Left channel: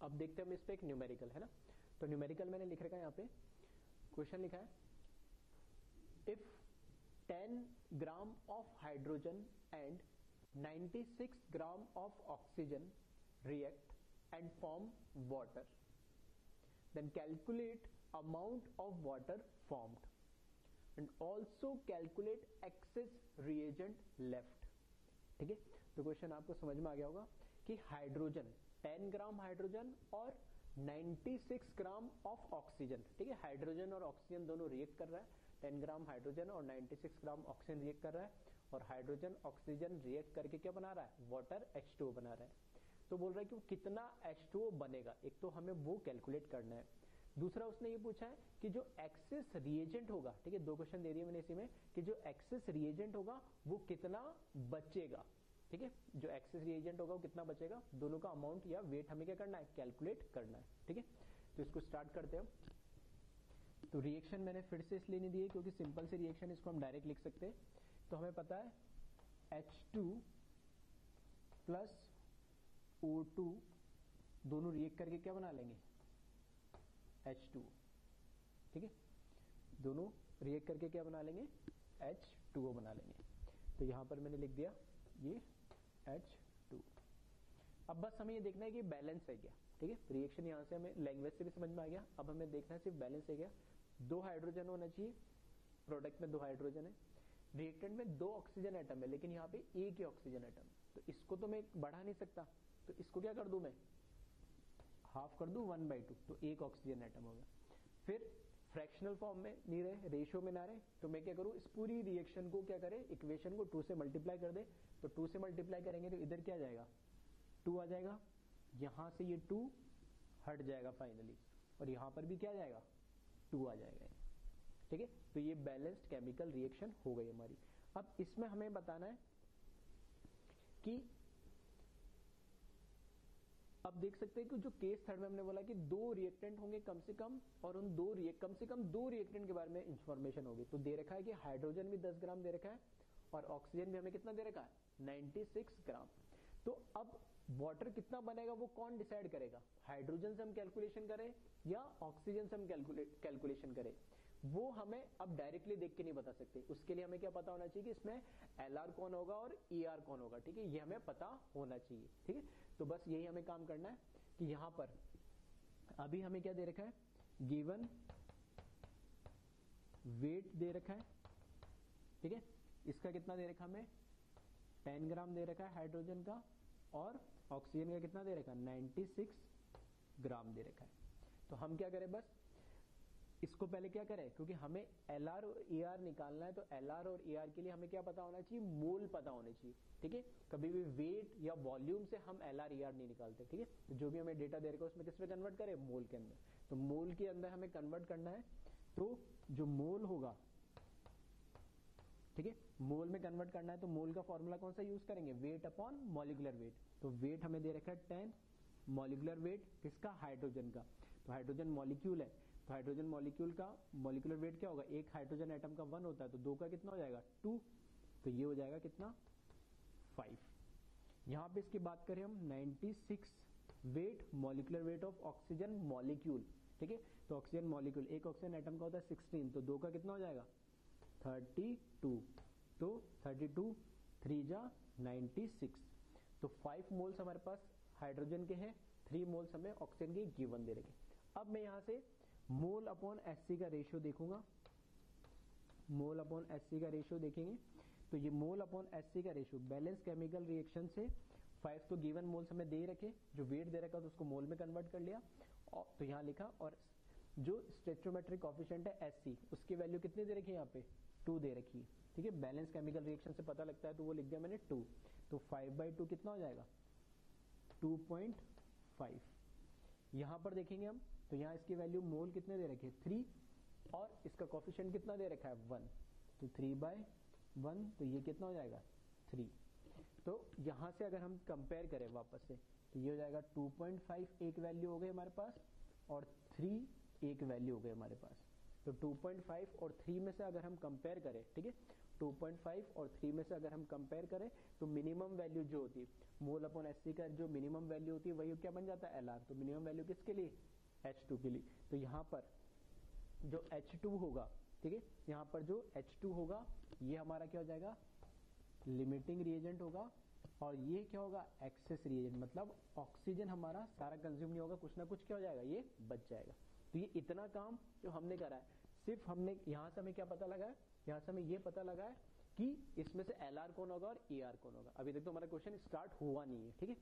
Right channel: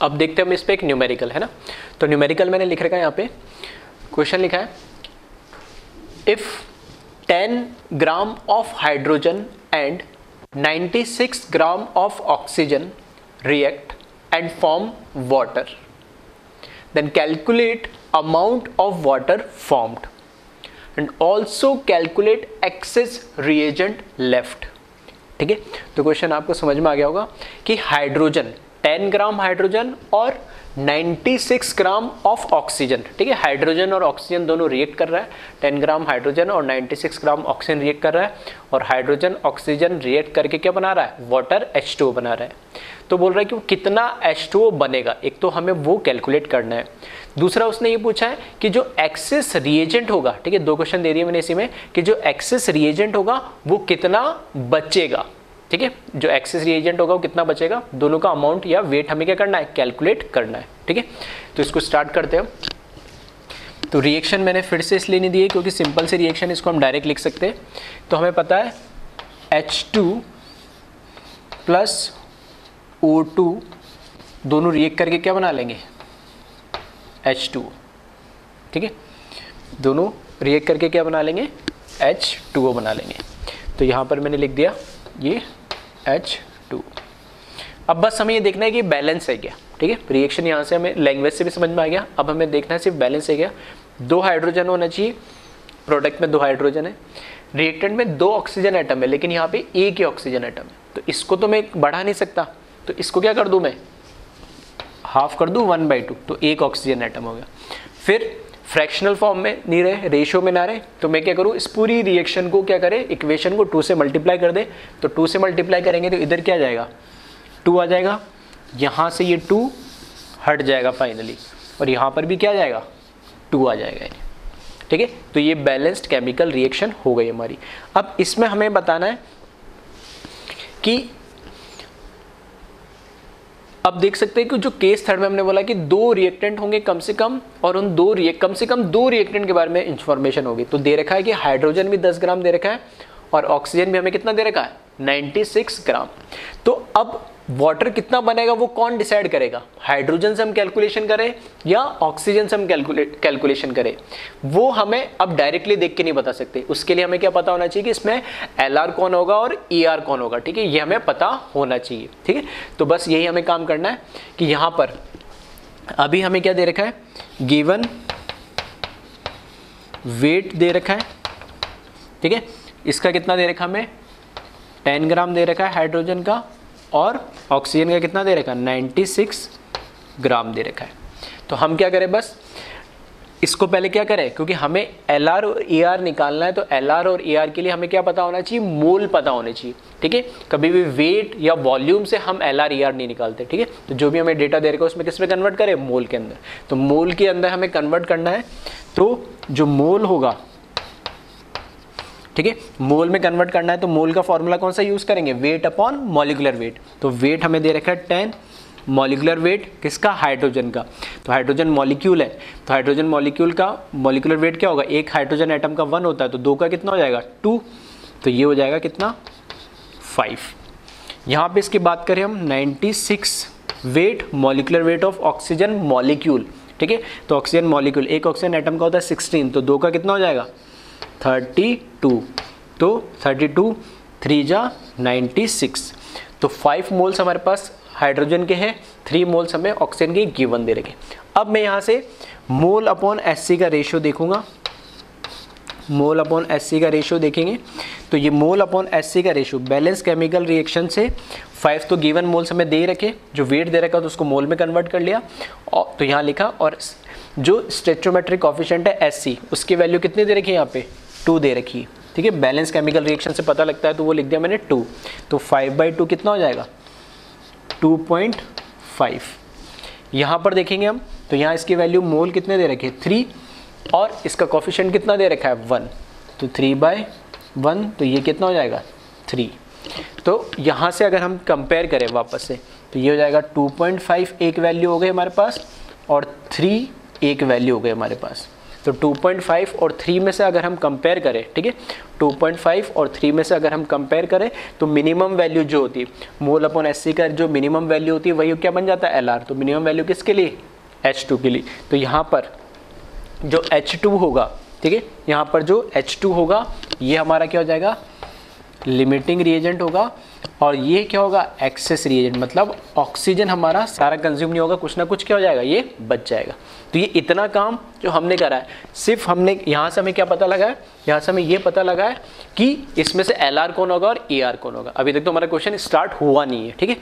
अब देखते हैं हम इस पे एक न्यूमेरिकल है ना। तो न्यूमेरिकल मैंने लिख रखा है यहाँ पे, क्वेश्चन लिखा है if 10 gram of hydrogen and 96 gram of oxygen react and form water, then calculate amount of water formed and also calculate excess reagent left। ठीक है, तो क्वेश्चन आपको समझ में आ गया होगा कि हाइड्रोजन 10 ग्राम हाइड्रोजन और 96 ग्राम ऑफ ऑक्सीजन, ठीक है, हाइड्रोजन और ऑक्सीजन दोनों रिएक्ट कर रहा है, 10 ग्राम हाइड्रोजन और 96 ग्राम ऑक्सीजन रिएक्ट कर रहा है, और हाइड्रोजन ऑक्सीजन रिएक्ट करके क्या बना रहा है, वाटर H2O बना रहा है। तो बोल रहा है कि वो कितना H2O बनेगा, एक तो हमें वो कैलकुलेट करना है, दूसरा उसने ये पूछा है कि जो एक्सेस रिएजेंट होगा, ठीक है, दो क्वेश्चन दे दिए मैंने इसी में, कि जो एक्सेस रिएजेंट होगा वो कितना बचेगा, ठीक है, जो एक्सेस रिएजेंट होगा वो कितना बचेगा, दोनों का अमाउंट या वेट हमें क्या करना है, कैलकुलेट करना है। ठीक है, तो इसको स्टार्ट करते हैं। तो रिएक्शन मैंने फिर से इसलिए नहीं दी है क्योंकि सिंपल से रिएक्शन इसको हम डायरेक्ट लिख सकते हैं। तो हमें पता है H2 प्लस O2 दोनों रिएक्ट करके क्या बना लेंगे, H2O, ठीक है, दोनों रिएक्ट करके क्या बना लेंगे, H2O बना लेंगे। तो यहाँ पर मैंने लिख दिया ये H2। अब बस हमें ये देखना है कि बैलेंस है क्या, ठीक है, रिएक्शन यहाँ से हमें लैंग्वेज से भी समझ में आ गया। अब हमें देखना है सिर्फ बैलेंस है क्या, 2 हाइड्रोजन होना चाहिए, प्रोडक्ट में 2 हाइड्रोजन है, रिएक्टेंट में 2 ऑक्सीजन एटम है, लेकिन यहाँ पे एक ही ऑक्सीजन एटम है, तो इसको तो मैं बढ़ा नहीं सकता, तो इसको क्या कर दूँ मैं, हाफ कर दूँ 1/2, तो एक ऑक्सीजन एटम हो गया। फिर फ्रैक्शनल फॉर्म में नहीं रहे, रेशियो में ना रहे, तो मैं क्या करूँ, इस पूरी रिएक्शन को क्या करें, इक्वेशन को 2 से मल्टीप्लाई कर दे, तो 2 से मल्टीप्लाई करेंगे तो इधर क्या आ जाएगा, 2 आ जाएगा, यहाँ से ये 2 हट जाएगा फाइनली, और यहाँ पर भी क्या आ जाएगा, 2 आ जाएगा, ठीक है। तो ये बैलेंस्ड केमिकल रिएक्शन हो गई हमारी। अब इसमें हमें बताना है कि अब देख सकते हैं कि जो केस थर्ड में हमने बोला कि 2 रिएक्टेंट होंगे कम से कम, और उन कम से कम 2 रिएक्टेंट के बारे में इंफॉर्मेशन होगी। तो दे रखा है कि हाइड्रोजन भी 10 ग्राम दे रखा है और ऑक्सीजन भी हमें कितना दे रखा है, 96 ग्राम। तो अब वाटर कितना बनेगा वो कौन डिसाइड करेगा, हाइड्रोजन से हम कैलकुलेशन करें या ऑक्सीजन से हम कैलकुलेशन करें, वो हमें अब डायरेक्टली देख के नहीं बता सकते। उसके लिए हमें क्या पता होना चाहिए कि इसमें LR कौन होगा और ER कौन होगा, ठीक है, ये हमें पता होना चाहिए, ठीक है। तो बस यही हमें काम करना है कि यहाँ पर अभी हमें क्या दे रखा है, गिवन वेट दे रखा है, ठीक है, इसका कितना दे रखा हमें, 10 ग्राम दे रखा है हाइड्रोजन का, और ऑक्सीजन का कितना दे रखा है, 96 ग्राम दे रखा है। तो हम क्या करें, बस इसको पहले क्या करें, क्योंकि हमें LR और ER निकालना है, तो LR और ER के लिए हमें क्या पता होना चाहिए, मोल पता होने चाहिए, ठीक है। कभी भी वेट या वॉल्यूम से हम LR ER नहीं निकालते, ठीक है। तो जो भी हमें डेटा दे रखा है उसमें किस में कन्वर्ट करें, मोल के अंदर। तो मोल के अंदर हमें कन्वर्ट करना है, तो जो मोल होगा, ठीक है, मोल में कन्वर्ट करना है, तो मोल का फॉर्मूला कौन सा यूज करेंगे, वेट अपॉन मॉलिक्यूलर वेट। तो वेट हमें दे रखा है 10, मॉलिक्यूलर वेट किसका, हाइड्रोजन का। तो हाइड्रोजन मॉलिक्यूल है, तो हाइड्रोजन मॉलिक्यूल का मॉलिक्यूलर वेट क्या होगा, एक हाइड्रोजन एटम का 1 होता है, तो 2 का कितना हो जाएगा, 2, तो ये हो जाएगा कितना, 5। यहाँ पे इसकी बात करें हम 96 weight, molecular weight of oxygen molecule, ठीक है। तो ऑक्सीजन मॉलिक्यूल, एक ऑक्सीजन एटम का होता है 16, तो 2 का कितना हो जाएगा, 32, तो 32 3 जा 96, तो 5 मोल्स हमारे पास हाइड्रोजन के हैं, 3 मोल्स हमें ऑक्सीजन के गिवन दे रखे। अब मैं यहाँ से मोल अपॉन SC का रेशियो देखूंगा, मोल अपॉन SC का रेशियो देखेंगे, तो ये मोल अपॉन SC का रेशियो बैलेंस केमिकल रिएक्शन से 5 तो गिवन मोल्स हमें दे रखे, जो वेट दे रखा तो उसको मोल में कन्वर्ट कर लिया, और तो यहाँ लिखा, और जो स्टोइचियोमेट्रिक कोएफिशिएंट है SC, उसकी वैल्यू कितनी दे रखी है, यहाँ पे 2 दे रखी है, ठीक है। बैलेंस केमिकल रिएक्शन से पता लगता है, तो वो लिख दिया मैंने 2, तो 5/2 कितना हो जाएगा, 2.5। यहाँ पर देखेंगे हम, तो यहाँ इसकी वैल्यू मोल कितने दे रखे, 3, और इसका कोएफिशिएंट कितना दे रखा है, 1, तो 3/1, तो ये कितना हो जाएगा, 3। तो यहाँ से अगर हम कंपेयर करें वापस से, तो ये हो जाएगा 2.5 एक वैल्यू हो गई हमारे पास, और 3 एक वैल्यू हो गई हमारे पास। तो 2.5 और 3 में से अगर हम कंपेयर करें, ठीक है, 2.5 और 3 में से अगर हम कंपेयर करें तो मिनिमम वैल्यू जो होती है मोल अपॉन एससी का जो मिनिमम वैल्यू होती है वही क्या बन जाता है एलआर। तो मिनिमम वैल्यू किसके लिए, H2 के लिए। तो यहाँ पर जो H2 होगा, ठीक है, यहाँ पर जो H2 होगा ये हमारा क्या हो जाएगा, लिमिटिंग रिएजेंट होगा, और ये क्या होगा, एक्सेस रिएजेंट, मतलब ऑक्सीजन हमारा सारा कंज्यूम नहीं होगा, कुछ ना कुछ क्या हो जाएगा, ये बच जाएगा। तो ये इतना काम जो हमने करा है, सिर्फ हमने यहाँ से हमें क्या पता लगा है, यहाँ से हमें ये पता लगा है कि इसमें से एलआर कौन होगा और एआर कौन होगा। अभी तक तो हमारा क्वेश्चन स्टार्ट हुआ नहीं है, ठीक है।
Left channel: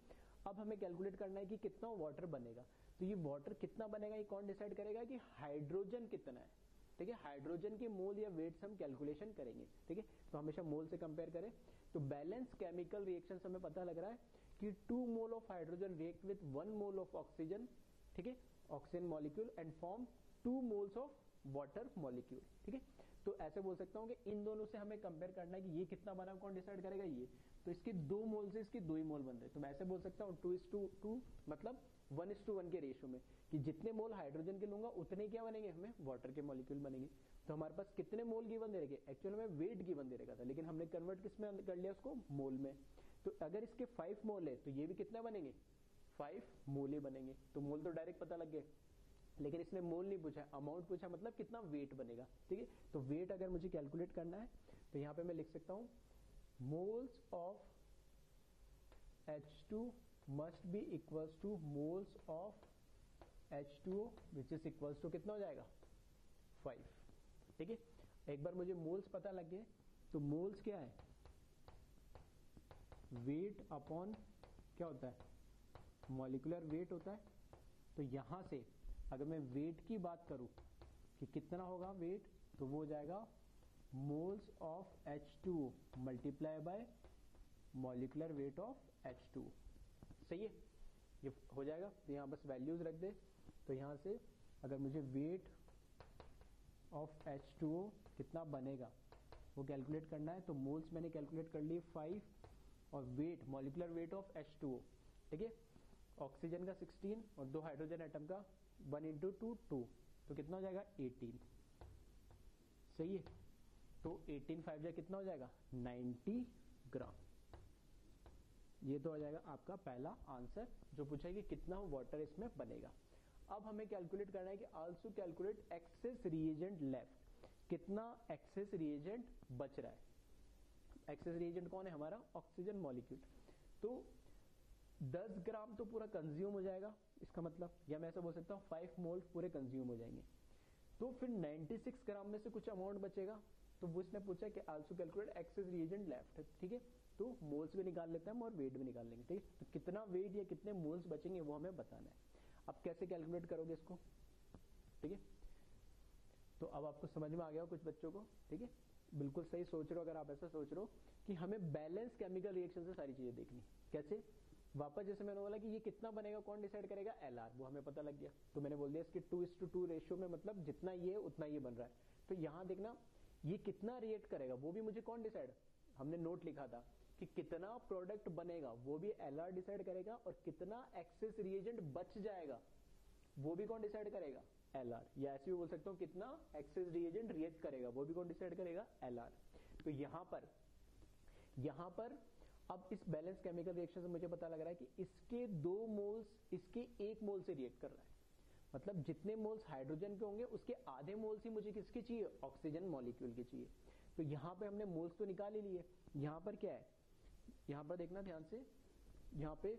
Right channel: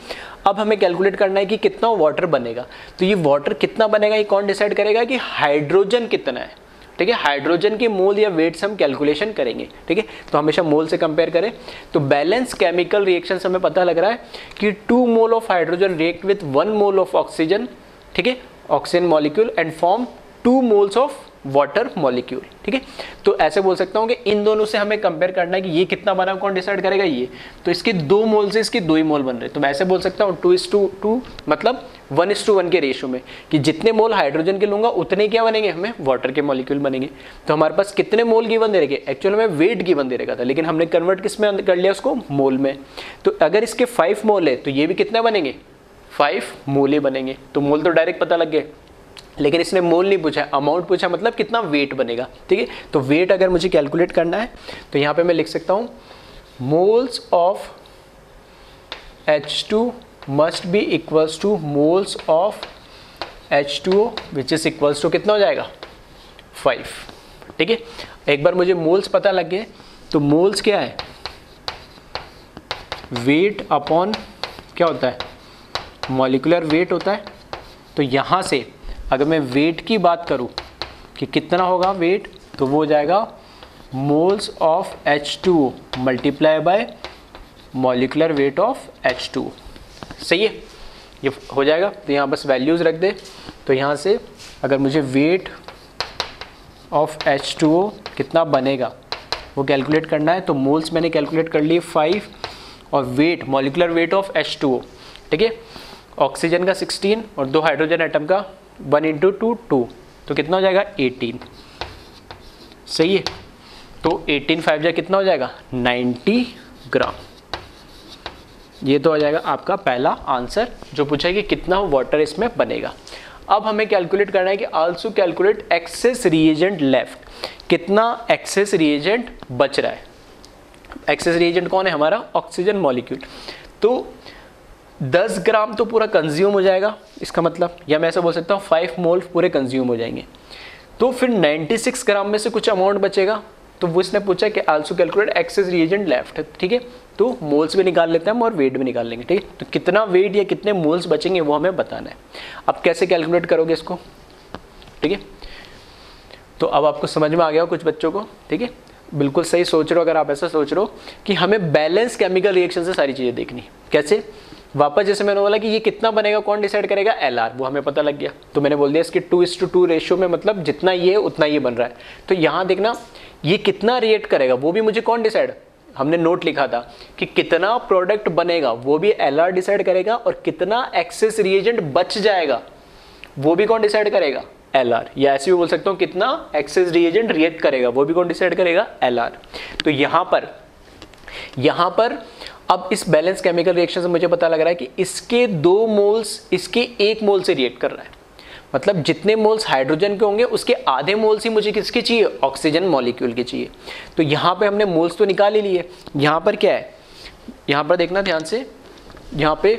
अब हमें कैलकुलेट करना है कि कितना वाटर बनेगा। तो ये वाटर कितना बनेगा ये कौन डिसाइड करेगा, कि हाइड्रोजन कितना है, ठीक है। हाइड्रोजन के मोल या वेट्स हम कैलकुलेशन करेंगे, ठीक है। तो हमेशा मोल से कंपेयर करें। तो बैलेंस केमिकल रिएक्शन से हमें पता लग रहा है कि 2 mole of hydrogen react with 1 mole of oxygen, ठीक है, oxygen molecule and form 2 moles of water molecule, ठीक है। तो ऐसे बोल सकता हूँ कि इन दोनों से हमें कंपेयर करना है कि ये कितना बना, कौन डिसाइड करेगा, ये। तो इसके 2 मोल से इसके 2 ही मोल बन रहे हैं। तो मैं ऐसे बोल सकता हूँ 2:2 मतलब 1:1 के रेशियो में, कि जितने मोल हाइड्रोजन के लूंगा उतने क्या बनेंगे, हमें वाटर के मॉलिक्यूल बनेंगे। तो हमारे पास कितने मोल गिवन दे रखे, एक्चुअली में वेट गिवन दे रखा था, लेकिन हमने कन्वर्ट किस में कर लिया उसको, मोल में। तो अगर इसके 5 मोल है तो ये भी कितने बनेंगे, 5 मोल ही बनेंगे। तो मोल तो डायरेक्ट पता लग गए, लेकिन इसने मोल नहीं पूछा, अमाउंट पूछा, मतलब कितना वेट बनेगा, ठीक है। तो वेट अगर मुझे कैलकुलेट करना है तो यहाँ पे मैं लिख सकता हूँ moles of H2 must be equals to moles of H2O which is equals to कितना हो जाएगा, 5, ठीक है। एक बार मुझे मोल्स पता लग गए तो मोल्स क्या है, वेट अपॉन क्या होता है, मॉलिक्यूलर वेट होता है। तो यहाँ से अगर मैं वेट की बात करूं कि कितना होगा वेट, तो वो हो जाएगा moles of H2O multiply by molecular weight of H2O। सही है, ये हो जाएगा। तो यहाँ बस वैल्यूज़ रख दे। तो यहाँ से अगर मुझे वेट ऑफ H2O कितना बनेगा वो कैलकुलेट करना है, तो मोल्स मैंने कैलकुलेट कर लिए 5, और wait molecular weight of H2O, ठीक है, ऑक्सीजन का 16 और 2 हाइड्रोजन एटम का 1 × 2 2, तो कितना हो जाएगा 18। सही है, तो 18 5 जा कितना हो जाएगा 90 ग्राम। ये तो हो जाएगा आपका पहला आंसर जो पूछा है कि कितना वाटर इसमें बनेगा। अब हमें कैलकुलेट करना है कि also calculate access reagent left, कितना एक्सेस रिएजेंट बच रहा है। एक्सेस रिएजेंट कौन है, हमारा ऑक्सीजन मॉलिक्यूल। तो 10 ग्राम तो पूरा कंज्यूम हो जाएगा इसका मतलब, या मैं ऐसा बोल सकता हूँ 5 मोल पूरे कंज्यूम हो जाएंगे। तो फिर 96 ग्राम में से कुछ अमाउंट बचेगा। तो वो इसने पूछा कि also calculate access reagent left, ठीक है। तो मोल्स भी निकाल लेते हैं हम और वेट भी निकाल लेंगे, ठीक है। तो कितना वेट या कितने मोल्स बचेंगे वो हमें बताना है। अब कैसे कैलकुलेट करोगे इसको, ठीक है। तो अब आपको समझ में आ गया हो कुछ बच्चों को, ठीक है। बिल्कुल सही सोच रहे हो अगर आप ऐसा सोच रहे हो कि हमें बैलेंस केमिकल रिएक्शन से सारी चीज़ें देखनी। कैसे, वापस जैसे मैंने बोला कि ये कितना बनेगा कौन डिसाइड करेगा, एलआर, वो हमें पता लग गया। तो मैंने बोल दिया इसके 2:2 रेशियो में, मतलब जितना ये उतना ये बन रहा है। तो यहाँ देखना ये कितना रिएक्ट करेगा वो भी मुझे कौन डिसाइड, हमने नोट लिखा था कि कितना प्रोडक्ट बनेगा वो भी एलआर डिसाइड करेगा, और कितना एक्सेस रिएजेंट बच जाएगा वो भी कौन डिसाइड करेगा, एलआर। या ऐसे भी बोल सकता हूँ कितना एक्सेस रिएजेंट रिएक्ट करेगा वो भी कौन डिसाइड करेगा, एलआर। तो यहाँ पर अब इस बैलेंस केमिकल रिएक्शन से मुझे पता लग रहा है कि इसके 2 मोल्स इसके 1 मोल से रिएक्ट कर रहा है। मतलब जितने मोल्स हाइड्रोजन के होंगे उसके आधे मोल्स ही मुझे किसके चाहिए, ऑक्सीजन मॉलिक्यूल के चाहिए। तो यहाँ पे हमने मोल्स तो निकाल ही लिए। यहाँ पर क्या है, यहाँ पर देखना ध्यान से, यहाँ पे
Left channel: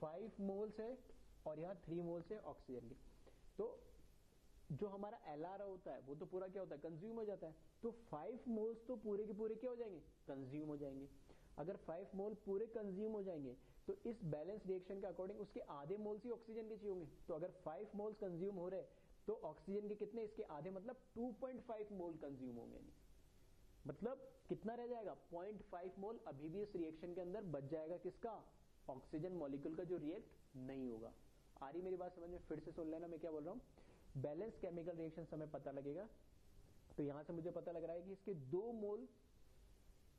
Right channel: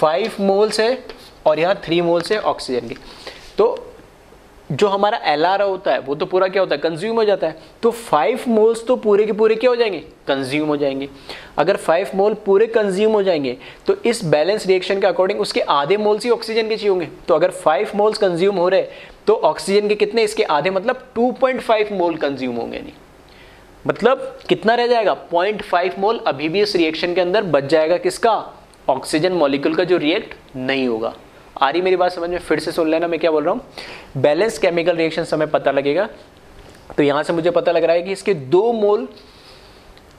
5 मोल्स है और यहाँ 3 मोल्स है ऑक्सीजन के। तो जो हमारा एलआर होता है वो तो पूरा क्या होता है, कंज्यूम हो जाता है। तो 5 मोल्स तो पूरे के पूरे क्या हो जाएंगे, कंज्यूम हो जाएंगे। अगर 5 मोल पूरे कंज्यूम हो जाएंगे तो इस बैलेंस रिएक्शन के अकॉर्डिंग उसके आधे मोल्स ही ऑक्सीजन के चाहिए होंगे। तो अगर 5 मोल्स कंज्यूम हो रहे तो ऑक्सीजन के कितने, इसके आधे, मतलब 2.5 मोल कंज्यूम होंगे। नहीं मतलब कितना रह जाएगा, 0.5 मोल अभी भी इस रिएक्शन के अंदर बच जाएगा, किसका, ऑक्सीजन मॉलिक्यूल का जो रिएक्ट नहीं होगा। आ रही मेरी बात समझ में, फिर से सुन लेना मैं क्या बोल रहा हूँ। बैलेंस केमिकल रिएक्शन से हमें पता लगेगा। तो यहाँ से मुझे पता लग रहा है कि इसके 2 मोल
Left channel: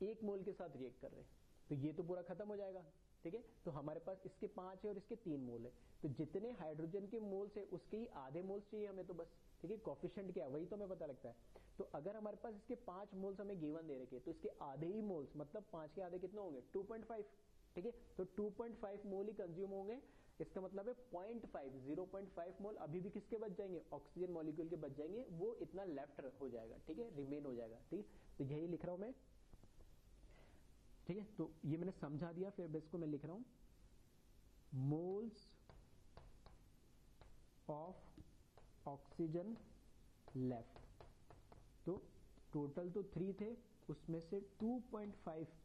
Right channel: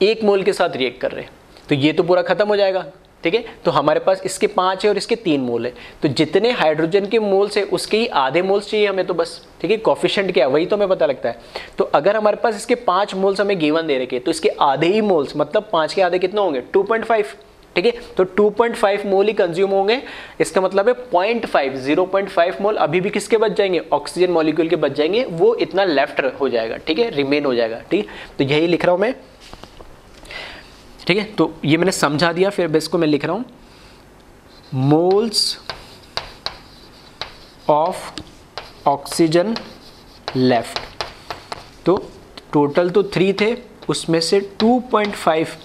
1 मोल के साथ रिएक्ट कर रहे हैं, तो ये तो पूरा खत्म हो जाएगा, ठीक है। तो हमारे पास इसके 5 है और इसके 3 मोल है, तो जितने हाइड्रोजन के मोल्स है उसके ही आधे मोल्स चाहिए हमें तो बस, ठीक है। कोफिशिएंट क्या है वही तो हमें पता लगता है। तो अगर हमारे पास इसके 5 मोल्स हमें गिवन दे रखे तो इसके आधे ही मोल्स, मतलब 5 के आधे कितने होंगे 2.5, ठीक है। तो 2.5 मोल ही कंज्यूम होंगे, इसका मतलब है 0.5 मोल अभी भी किसके बच जाएंगे, ऑक्सीजन मॉलिक्यूल के बच जाएंगे, वो इतना लेफ्ट हो जाएगा, ठीक है, रिमेन हो जाएगा, ठीक है। तो यही लिख रहा हूं मैं, ठीक है। तो ये मैंने समझा दिया, फिर इसको मैं लिख रहा हूं मोल्स ऑफ ऑक्सीजन लेफ्ट। तो टोटल तो 3 थे, उसमें से 2.5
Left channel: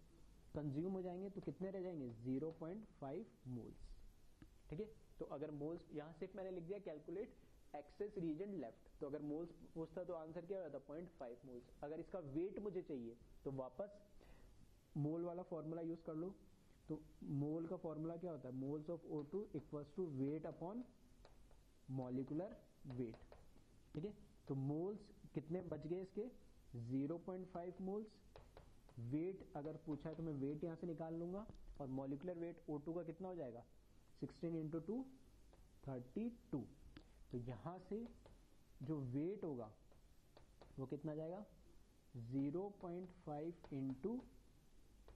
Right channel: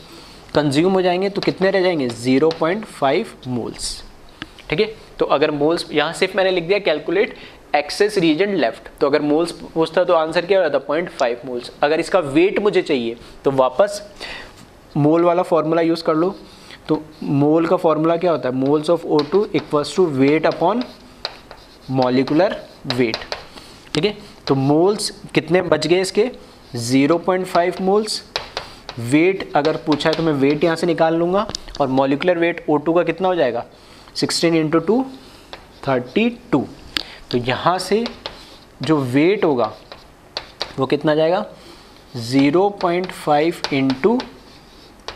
कंज्यूम हो जाएंगे, तो कितने रह जाएंगे 0.5 मोल्स, ठीक है। तो अगर मोल्स यहाँ सिर्फ मैंने लिख दिया कैलकुलेट एक्सेस रीजन लेफ्ट, तो अगर मोल्स पूछता तो आंसर क्या होता 0.5 मोल्स। अगर इसका वेट मुझे चाहिए तो वापस मोल वाला फॉर्मूला यूज़ कर लो। तो मोल का फॉर्मूला क्या होता है, moles of O2 equals to weight upon molecular weight, ठीक है। तो मोल्स कितने बच गए इसके 0.5 मोल्स। वेट अगर पूछा है तो मैं वेट यहाँ से निकाल लूँगा, और मॉलिकुलर वेट O2 का कितना हो जाएगा 16 × 2 32। तो यहाँ से जो वेट होगा वो कितना जाएगा 0.5 ×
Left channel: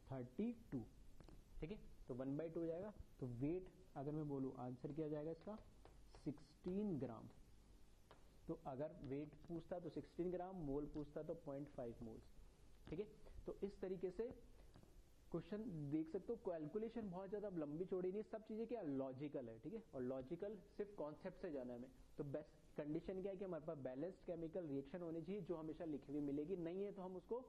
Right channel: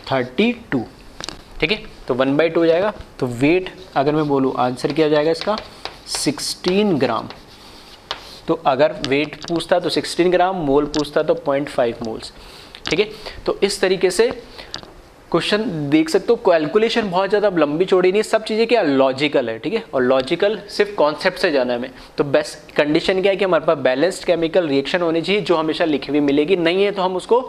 32, ठीक है। तो 1/2 हो जाएगा। तो वेट अगर मैं बोलूँ आंसर क्या हो जाएगा इसका 16 ग्राम। तो अगर वेट पूछता तो 16 ग्राम, मोल पूछता तो 0.5 मोल्स, ठीक है। तो इस तरीके से क्वेश्चन देख सकते हो। कैलकुलेशन बहुत ज़्यादा लंबी चौड़ी नहीं, सब चीज़ें क्या लॉजिकल है, ठीक है। और लॉजिकल सिर्फ कॉन्सेप्ट से जाना है हमें। तो बेस्ट कंडीशन क्या है कि हमारे पास बैलेंस्ड केमिकल रिएक्शन होनी चाहिए, जो हमेशा लिखी हुई मिलेगी। नहीं है तो हम उसको,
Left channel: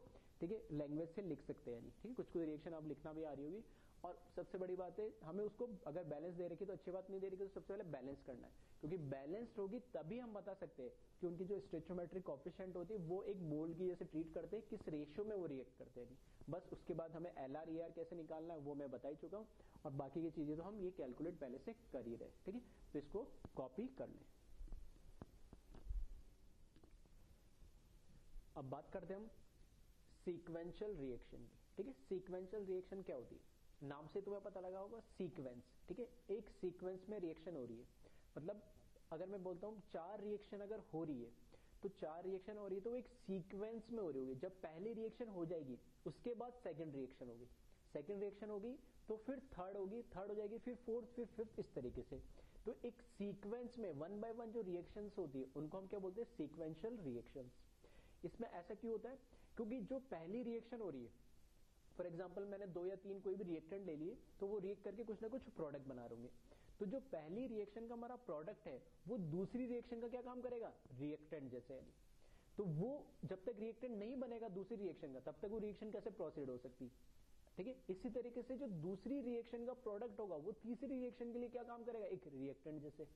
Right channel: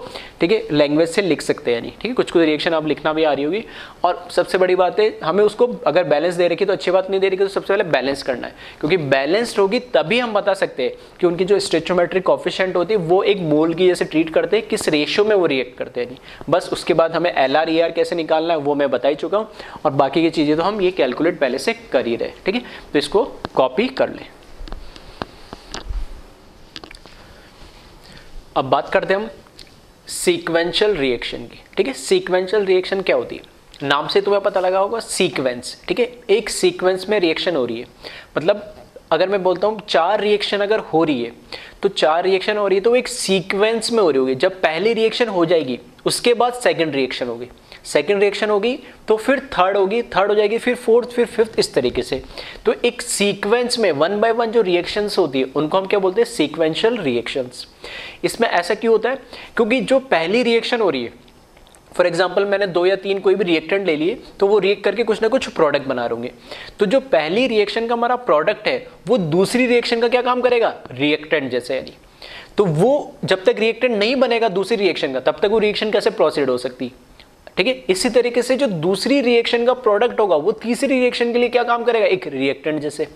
ठीक है, लैंग्वेज से लिख सकते हैं, नहीं, ठीक है। कुछ कुछ रिएक्शन आप लिखना भी आ रही होगी। और सबसे बड़ी बात है हमें उसको अगर बैलेंस दे रखी तो अच्छी बात, नहीं दे रखी तो सबसे पहले बैलेंस करना है, क्योंकि बैलेंस्ड होगी तभी हम बता सकते हैं कि उनकी जो स्टोइचियोमेट्रिक कोफिशिएंट होती है वो एक मोल की जैसे ट्रीट करते हैं, किस रेशियो में वो रिएक्ट करते हैं, नहीं बस। उसके बाद हमें LR ER कैसे निकालना है वो मैं बता ही चुका हूँ, और बाकी की चीज़ें तो हम ये कैलकुलेट पहले से कर ही रहे, ठीक है। तो इसको कॉपी कर लें। अब बात करते हैं हम सीक्वेंशियल रिएक्शन की, ठीक है। सीक्वेंशियल रिएक्शन क्या होती है, नाम से तुम्हें पता लगा होगा सीक्वेंस, ठीक है। एक सीक्वेंस में रिएक्शन हो रही है, मतलब अगर मैं बोलता हूँ 4 रिएक्शन अगर हो रही है तो 4 रिएक्शन हो रही है तो एक सीक्वेंस में हो रही होगी। जब पहली रिएक्शन हो जाएगी उसके बाद सेकंड रिएक्शन होगी, सेकंड रिएक्शन होगी तो फिर थर्ड होगी, थर्ड हो जाएगी फिर फोर्थ, फिर फिफ्थ, इस तरीके से। तो एक सीक्वेंस में 1 by 1 जो रिएक्शंस होती है उनको हम क्या बोलते हैं सीक्वेंशियल रिएक्शंस। इसमें ऐसा क्यों होता है, क्योंकि जो पहली रिएक्शन हो रही है, फॉर एग्जाम्पल मैंने 2 या 3 कोई भी रिएक्टेंट ले लिए तो वो रिएक्ट करके कुछ ना कुछ प्रोडक्ट बना रहे होंगे। तो जो पहली रिएक्शन का हमारा प्रोडक्ट है वो दूसरी रिएक्शन का क्या काम करेगा, रिएक्टेंट जैसे, यानी तो वो जब तक रिएक्टेंट नहीं बनेगा दूसरी रिएक्शन का तब तक वो रिएक्शन कैसे प्रोसीड हो सकती, ठीक है। इसी तरीके से जो दूसरी रिएक्शन का प्रोडक्ट होगा वो तीसरी रिएक्शन के लिए क्या काम करेगा, एक रिएक्टेंट जैसे।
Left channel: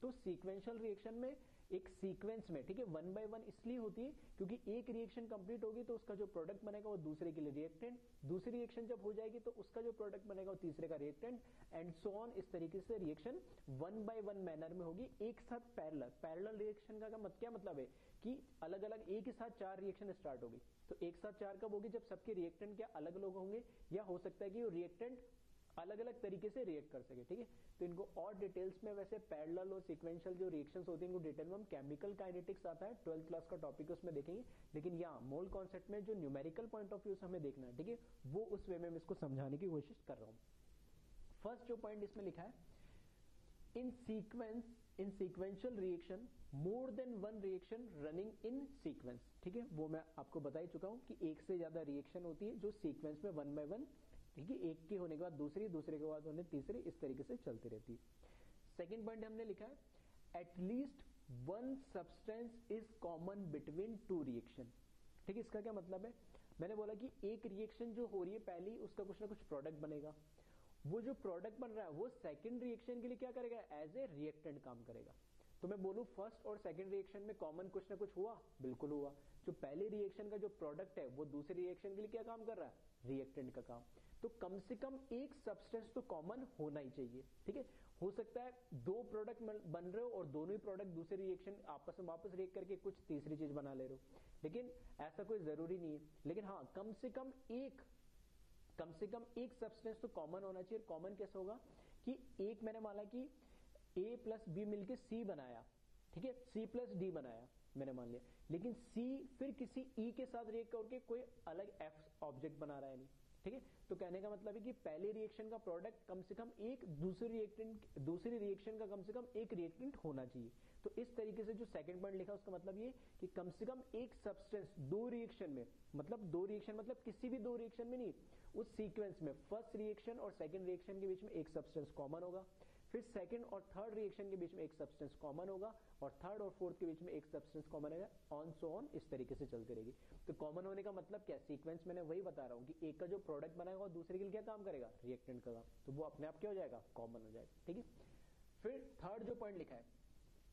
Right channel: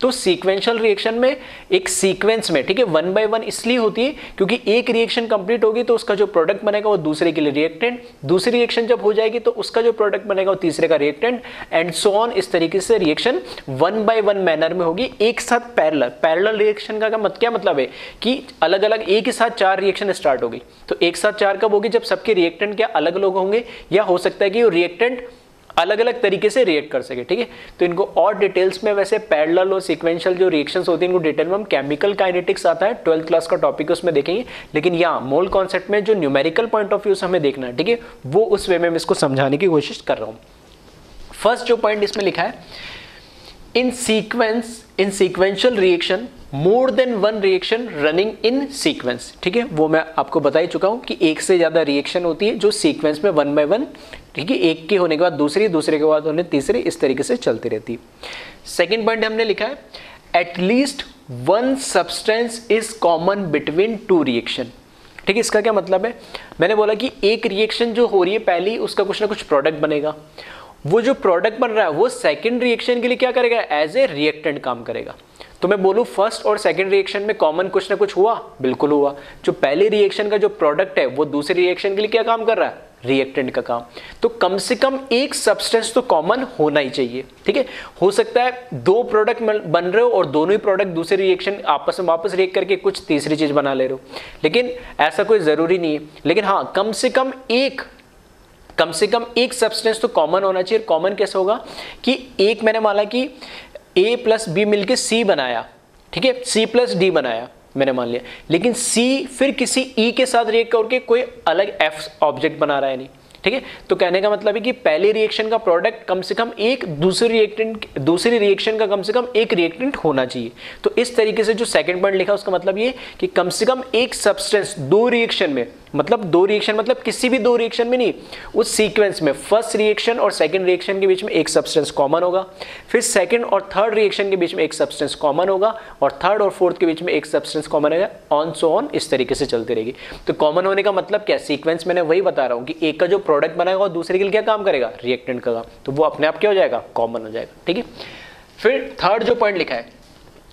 तो सीक्वेंशियल रिएक्शन में एक सीक्वेंस में, ठीक है, 1 by 1 इसलिए होती है क्योंकि एक रिएक्शन कंप्लीट होगी तो उसका जो प्रोडक्ट बनेगा वो दूसरे के लिए रिएक्टेंट, दूसरी रिएक्शन जब हो जाएगी तो उसका जो प्रोडक्ट बनेगा वो तीसरे का रिएक्टेंट, एंड सो ऑन। इस तरीके से रिएक्शन 1 by 1 मैनर में होगी, एक साथ पैरेलल। पैरेलल रिएक्शन का क्या मतलब है कि अलग अलग एक ही साथ 4 रिएक्शन स्टार्ट होगी। तो एक साथ 4 कब होगी, जब सबके रिएक्टेंट क्या अलग अलग होंगे, या हो सकता है कि वो रिएक्टेंट अलग अलग तरीके से रिएक्ट कर सके, ठीक है। तो इनको और डिटेल्स में वैसे पैरेलल और सीक्वेंशियल जो रिएक्शंस होती हैं इनको डिटेल में हम केमिकल काइनेटिक्स आता है 12th क्लास का टॉपिक उसमें देखेंगे। लेकिन यहाँ मोल कॉन्सेप्ट में जो न्यूमेरिकल पॉइंट ऑफ व्यू से हमें देखना है, ठीक है, वो उस वे में मैं इसको समझाने की कोशिश कर रहा हूँ। फर्स्ट जो पॉइंट इसमें लिखा है, in sequential reaction more than 1 reaction running in sequence, ठीक है। वो मैं आपको बता ही चुका हूं कि एक से ज्यादा रिएक्शन होती है जो सीक्वेंस में 1 by 1, ठीक है, एक के होने के बाद दूसरी, दूसरे के बाद होने तीसरी, इस तरीके से चलती रहती है। सेकेंड पॉइंट हमने लिखा है at least 1 substance is common between 2 reaction, ठीक है। इसका क्या मतलब है, मैंने बोला कि एक रिएक्शन जो हो रही है पहली उसका कुछ ना कुछ प्रोडक्ट बनेगा, वो जो प्रोडक्ट बन रहा है वो सेकंड रिएक्शन के लिए क्या करेगा, एज ए रिएक्टेंट काम करेगा। तो मैं बोलूं फर्स्ट और सेकंड रिएक्शन में कॉमन कुछ ना कुछ हुआ, बिल्कुल हुआ। जो पहली रिएक्शन का जो प्रोडक्ट है वो दूसरी रिएक्शन के लिए क्या काम कर रहा है, रिएक्टेंट का काम। तो कम से कम एक सब्सटेंस तो कॉमन होना ही चाहिए, ठीक है। हो सकता है 2 प्रोडक्ट बन रहे हो और दोनों ही प्रोडक्ट दूसरी रिएक्शन आपस में वापस रिएक्ट करके कुछ तीसरी चीज बना ले रहे हो, लेकिन ऐसा कोई जरूरी नहीं है। लेकिन हाँ, कम से कम एक कम से कम एक सब्सटेंस तो कॉमन होना चाहिए। कॉमन कैसे होगा कि एक मैंने माना कि A प्लस बी मिलके C बनाया, ठीक है, C प्लस डी बनाया मैंने मान लिया, लेकिन C फिर किसी E के साथ रिएक्ट करके कोई अलग F ऑब्जेक्ट बना रहा है नहीं, ठीक है। तो कहने का मतलब है कि पहले रिएक्शन का प्रोडक्ट कम से कम एक, दूसरी रिएक्शन का कम से कम एक रिएक्टेंट होना चाहिए। तो इस तरीके से जो सेकंड पॉइंट लिखा उसका मतलब ये कि कम से कम एक सब्सटेंस दो रिएक्शन में, मतलब दो रिएक्शन मतलब किसी भी दो रिएक्शन में नहीं, उस सीक्वेंस में फर्स्ट रिएक्शन और सेकंड रिएक्शन के बीच में एक सब्सटेंस कॉमन होगा, फिर सेकंड और थर्ड रिएक्शन के बीच में एक सब्सटेंस कॉमन होगा, और थर्ड और फोर्थ के बीच में एक सब्सटेंस कॉमन होगा, ऑन सो ऑन, इस तरीके से चलती रहेगी। तो कॉमन होने का मतलब क्या, सीक्वेंस मैंने वही बता रहा हूं कि एक का जो प्रोडक्ट बनाएगा और दूसरे के लिए क्या काम करेगा, रिएक्टेंट का काम, तो वो अपने आप क्या हो जाएगा, कॉमन हो जाएगा, ठीक है। फिर थर्ड जो पॉइंट लिखा है,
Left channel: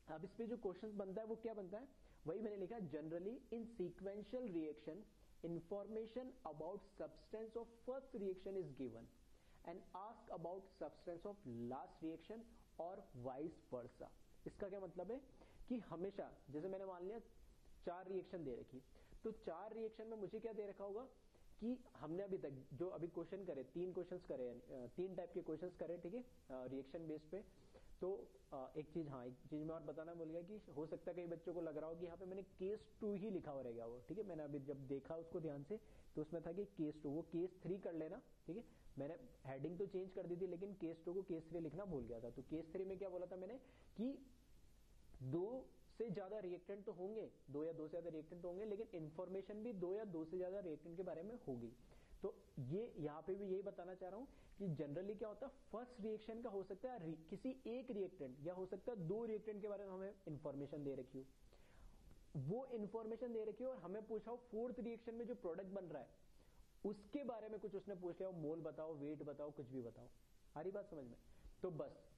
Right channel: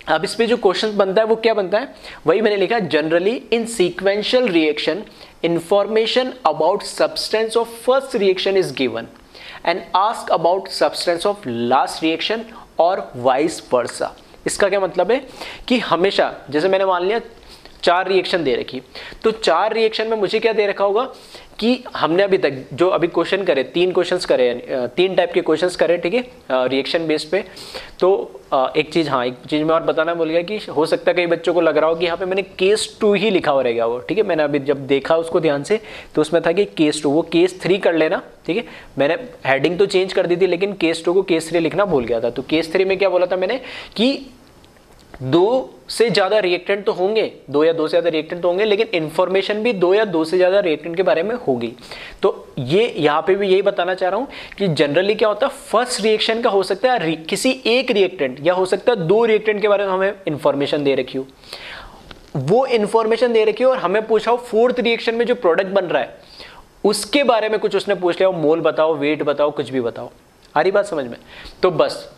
अब इस पे जो क्वेश्चन बनता है वो क्या बनता है, वही मैंने लिखा है, generally in sequential reaction information about substance of first reaction is given and ask about substance of last reaction और वाइस वर्सा। इसका क्या मतलब है कि हमेशा, जैसे मैंने मान लिया 4 रिएक्शन दे रखी, तो 4 रिएक्शन में मुझे क्या दे रखा होगा कि हमने अभी तक जो अभी क्वेश्चन करे, 3 क्वेश्चंस करे, 3 टाइप के क्वेश्चंस करे, ठीक है, रिएक्शन बेस पे। तो एक चीज़, हाँ एक चीज़ मैं और बताना भूल गया कि हो सकता है कई बच्चों को लग रहा हो कि यहाँ पे मैंने केस 2 ही लिखा हो रहेगा वो, ठीक है। मैंने अभी जब देखा उसको ध्यान से तो उसमें था कि केस 2, वो केस 3 कर लेना, ठीक है। मैंने हेडिंग तो चेंज कर दी थी, लेकिन केस 2 को केस 3 लिखना भूल गया था। तो केस 3 में क्या बोला था मैंने कि 2 से ज़्यादा रिएक्टेंट तो होंगे, 2 या 2 से ज़्यादा रिएक्टेंट तो होंगे, लेकिन इन्फॉर्मेशन भी 2 या 2 से ज़्यादा रिएक्टेंट के बारे में होगी। तो ये यहाँ पे भी यही बताना चाह रहा हूँ कि जनरली क्या होता है, फर्स्ट रिएक्शन का हो सकता है किसी एक रिएक्टेंट या हो सकता है 2 रिएक्टेंट के बारे में हमें इन्फॉर्मेशन दे रखी हो, वो इन्फॉर्मेशन दे रखी हो और हमें पूछा हो फोर्थ रिएक्शन में जो प्रोडक्ट बन रहा है उसके बारे में कुछ उसने पूछ लिया हो, मोल बताओ, वेट बताओ, कुछ भी बताओ। आ रही बात समझ में? तो बस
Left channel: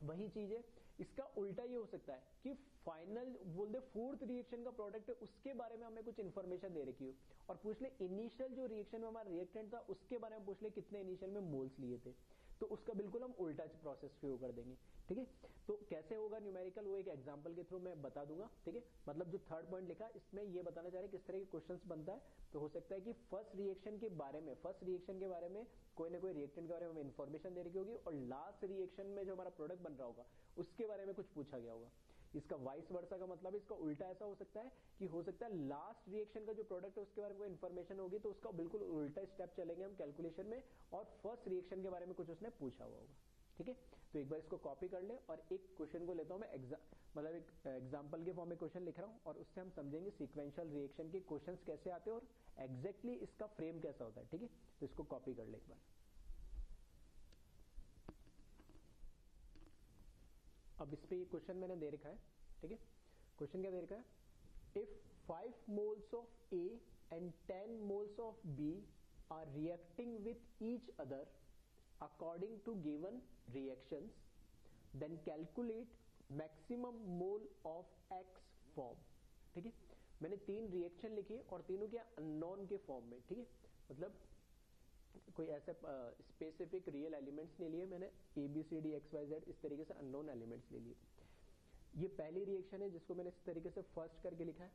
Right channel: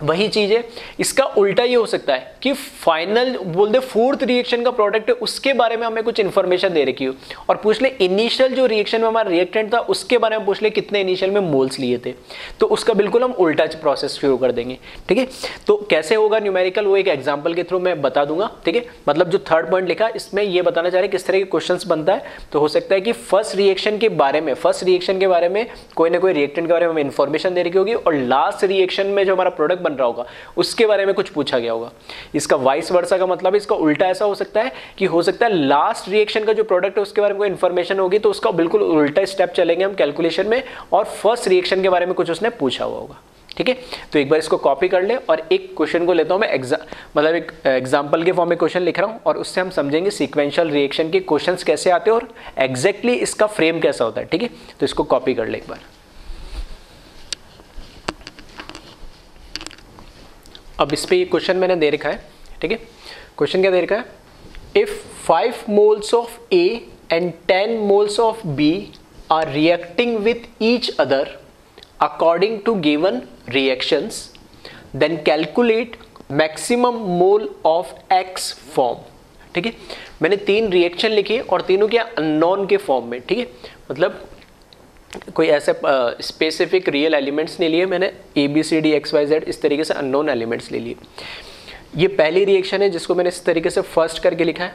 वही चीज है। इसका उल्टा ये हो सकता है कि फाइनल बोल दे फोर्थ रिएक्शन का प्रोडक्ट है उसके बारे में हमें कुछ इंफॉर्मेशन दे रखी हो और पूछ ले इनिशियल जो रिएक्शन में हमारा रिएक्टेंट था उसके बारे में पूछ ले कितने इनिशियल में मोल्स लिए थे, तो उसका बिल्कुल हम उल्टा प्रोसेस शुरू कर देंगे, ठीक है। तो कैसे होगा न्यूमेरिकल, वो एक एग्जाम्पल के थ्रू मैं बता दूंगा, ठीक है। मतलब जो थर्ड पॉइंट लिखा इसमें ये बताना चाह रहे किस तरह के क्वेश्चन बनता है। तो हो सकता है कि फर्स्ट रिएक्शन के बारे में कोई ना कोई रिएक्टेंट के बारे में इंफॉर्मेशन दे रखी होगी और लास्ट रिएक्शन में जो हमारा प्रोडक्ट रहा होगा उसके बारे में कुछ पूछा गया होगा। इसका वाइस वर्सा का मतलब इसका उल्टा ऐसा हो सकता है कि हो सकता है लास्ट रिएक्शन का जो प्रोडक्ट है उसके बारे में कोई इंफॉर्मेशन होगी तो उसका बिल्कुल उल्टा स्टेप चलेंगे हम कैलकुलेशन में और फर्स्ट रिएक्शन के बारे में कुछ उसने पूछा हुआ होगा, ठीक है। तो एक बार इसको कॉपी कर ले और एक क्वेश्चन को लेता हूं मैं मतलब एक एग्जांपल के फॉर्म में क्वेश्चन लिख रहा हूं और उससे हम समझेंगे सीक्वेंशियल रिएक्शन के क्वेश्चंस कैसे आते हैं और एग्जैक्टली इसका फ्रेम कैसा होता है, ठीक है। तो इसको कॉपी कर ले एक बार। अब इस पे ये क्वेश्चन मैंने दे रखा है, ठीक है। क्वेश्चन क्या दे रखा है, if 5 moles of A and 10 moles of B are reacting with each other according to given reactions then calculate maximum mole of X form, ठीक है। मैंने 3 रिएक्शन लिखी और तीनों क्या अननोन के फॉर्म में, ठीक है। मतलब कोई ऐसे स्पेसिफिक रियल एलिमेंट्स नहीं लिए मैंने, ABCD XYZ इस तरीके से अननोन एलिमेंट्स ले लिए। ये पहली रिएक्शन है जिसको मैंने इस तरीके से फर्स्ट करके लिखा है,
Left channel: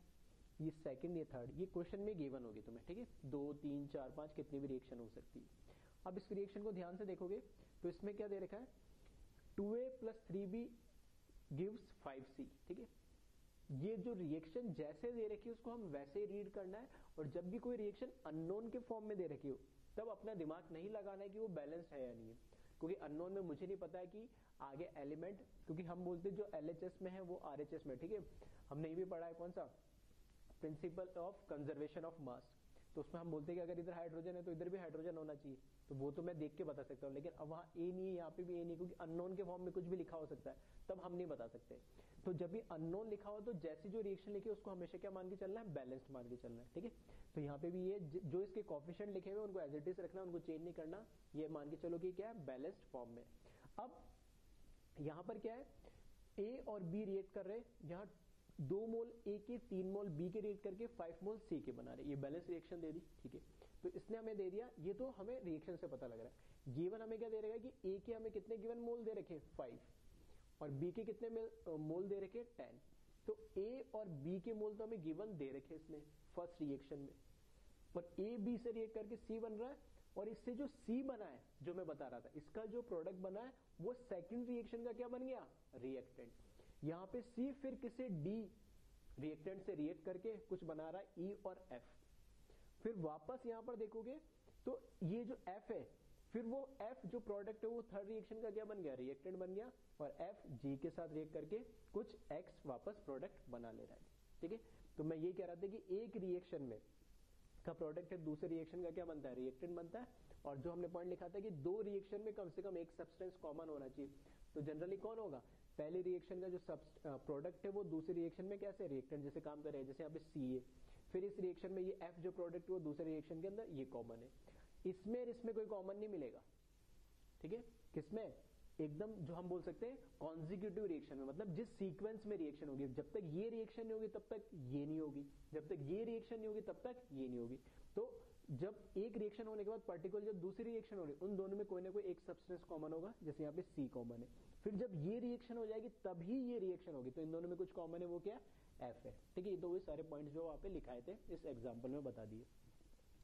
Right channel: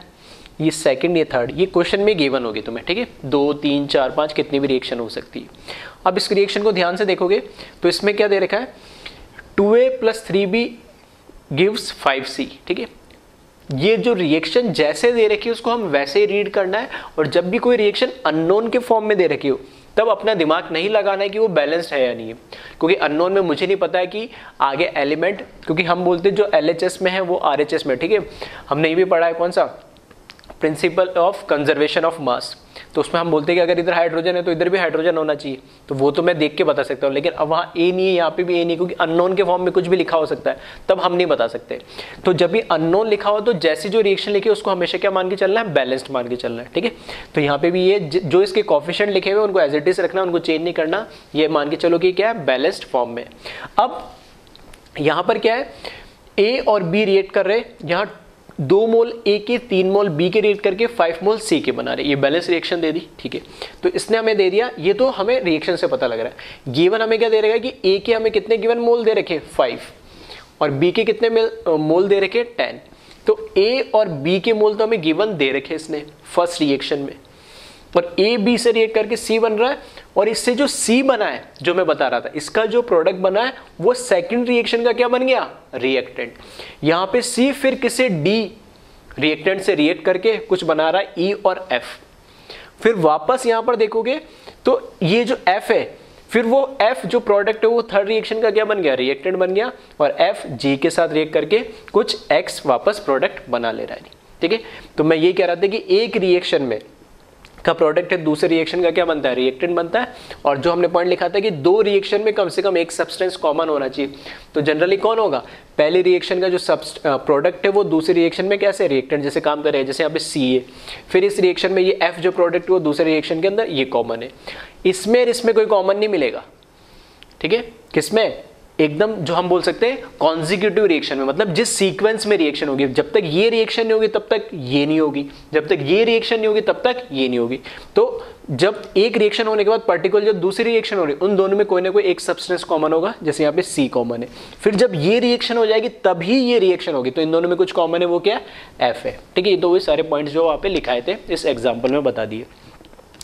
ये सेकंड, ये थर्ड, ये क्वेश्चन में गिवन होगी तुम्हें, ठीक है। 2 3 4 5 कितनी भी रिएक्शन हो सकती है। अब इस रिएक्शन को ध्यान से देखोगे तो इसमें क्या दे रखा है, 2A + 3B गिव्स 5C, ठीक है। ये जो रिएक्शन जैसे दे रखी है उसको हम वैसे ही रीड करना है और जब भी कोई रिएक्शन अननोन के फॉर्म में दे रखी हो तब अपना दिमाग नहीं लगाना है कि वो बैलेंस्ड है या नहीं है, क्योंकि अननोन में मुझे नहीं पता है कि आगे एलिमेंट, क्योंकि हम बोलते हैं जो LHS में है वो RHS में, ठीक है। हमने ये भी पढ़ा है कौन सा, principle of conservation of mass, तो उसमें हम बोलते हैं कि अगर इधर हाइड्रोजन है तो इधर भी हाइड्रोजन होना चाहिए, तो वो तो मैं देख के बता सकता हूँ, लेकिन अब वहाँ A नहीं है, यहाँ पे भी A नहीं, क्योंकि अननोन के फॉर्म में कुछ भी लिखा हो सकता है, तब हम नहीं बता सकते। तो जब भी अननोन लिखा हो तो जैसी जो रिएक्शन लिखी है उसको हमेशा क्या मान के चलना है, बैलेंस्ड मान के चलना है, ठीक है। तो यहाँ पे भी ये जो इसके कोफिशिएंट लिखे हुए उनको एज इट इज रखना, उनको चेंज नहीं करना, ये मान के चलो कि क्या है, बैलेंस्ड फॉर्म में। अब यहाँ पर क्या है, A और B रिएक्ट कर रहे हैं, यहाँ 2 मोल A के 3 मोल B के रिएक्ट करके 5 मोल C के बना रहे, ये बैलेंस रिएक्शन दे दी, ठीक है। तो इसने हमें दे दिया, ये तो हमें रिएक्शन से पता लग रहा है। गिवन हमें क्या दे रखा है कि A के हमें कितने गिवन मोल दे रखे, 5, और B के कितने मोल दे रखे, 10। तो A और B के मोल तो हमें गिवन दे रखे इसने फर्स्ट रिएक्शन में, और A B से रिएक्ट करके C बन रहा है और इससे जो C बना है, जो मैं बता रहा था, इसका जो प्रोडक्ट बना है वो सेकंड रिएक्शन का क्या बन गया, रिएक्टेंट। यहां पे C फिर किसे D रिएक्टेंट से रिएक्ट करके कुछ बना रहा है E और F। फिर वापस यहां पर देखोगे तो ये जो F है, फिर वो F जो प्रोडक्ट है वो थर्ड रिएक्शन का क्या बन गया, रिएक्टेंट बन गया, और F G के साथ रिएक्ट करके कुछ X वापस प्रोडक्ट बना ले रहा है। ठीक है, तो मैं ये कह रहा था कि एक रिएक्शन में का प्रोडक्ट है दूसरे रिएक्शन का क्या बनता है, रिएक्टेंट बनता है। और जो हमने पॉइंट लिखा था कि दो रिएक्शन में कम से कम एक सब्सटेंस कॉमन होना चाहिए, तो जनरली कौन होगा, पहले रिएक्शन का जो प्रोडक्ट है वो दूसरे रिएक्शन में कैसे रिएक्टेंट जैसे काम कर रहे हैं, जैसे यहाँ पे सी है, फिर इस रिएक्शन में ये एफ जो प्रोडक्ट है वो दूसरे रिएक्शन के अंदर ये कॉमन है, इसमें कोई कॉमन नहीं मिलेगा। ठीक है, किसमें, एकदम जो हम बोल सकते हैं कॉन्जिक्यूटिव रिएक्शन में, मतलब जिस सीक्वेंस में रिएक्शन होगी, जब तक ये रिएक्शन नहीं होगी तब तक ये नहीं होगी, जब तक ये रिएक्शन नहीं होगी तब तक ये नहीं होगी। तो जब एक रिएक्शन होने के बाद पर्टिकुलर जब दूसरी रिएक्शन हो रही है, उन दोनों में कोई ना कोई एक सब्सटेंस कॉमन होगा, जैसे यहाँ पे सी कॉमन है। फिर जब ये रिएक्शन हो जाएगी तभी ये रिएक्शन होगी, तो इन दोनों में कुछ कॉमन है, वो क्या है, एफ है। ठीक है, ये तो वही सारे पॉइंट्स जो वहाँ पे लिखाए थे इस एग्जाम्पल में बता दिए।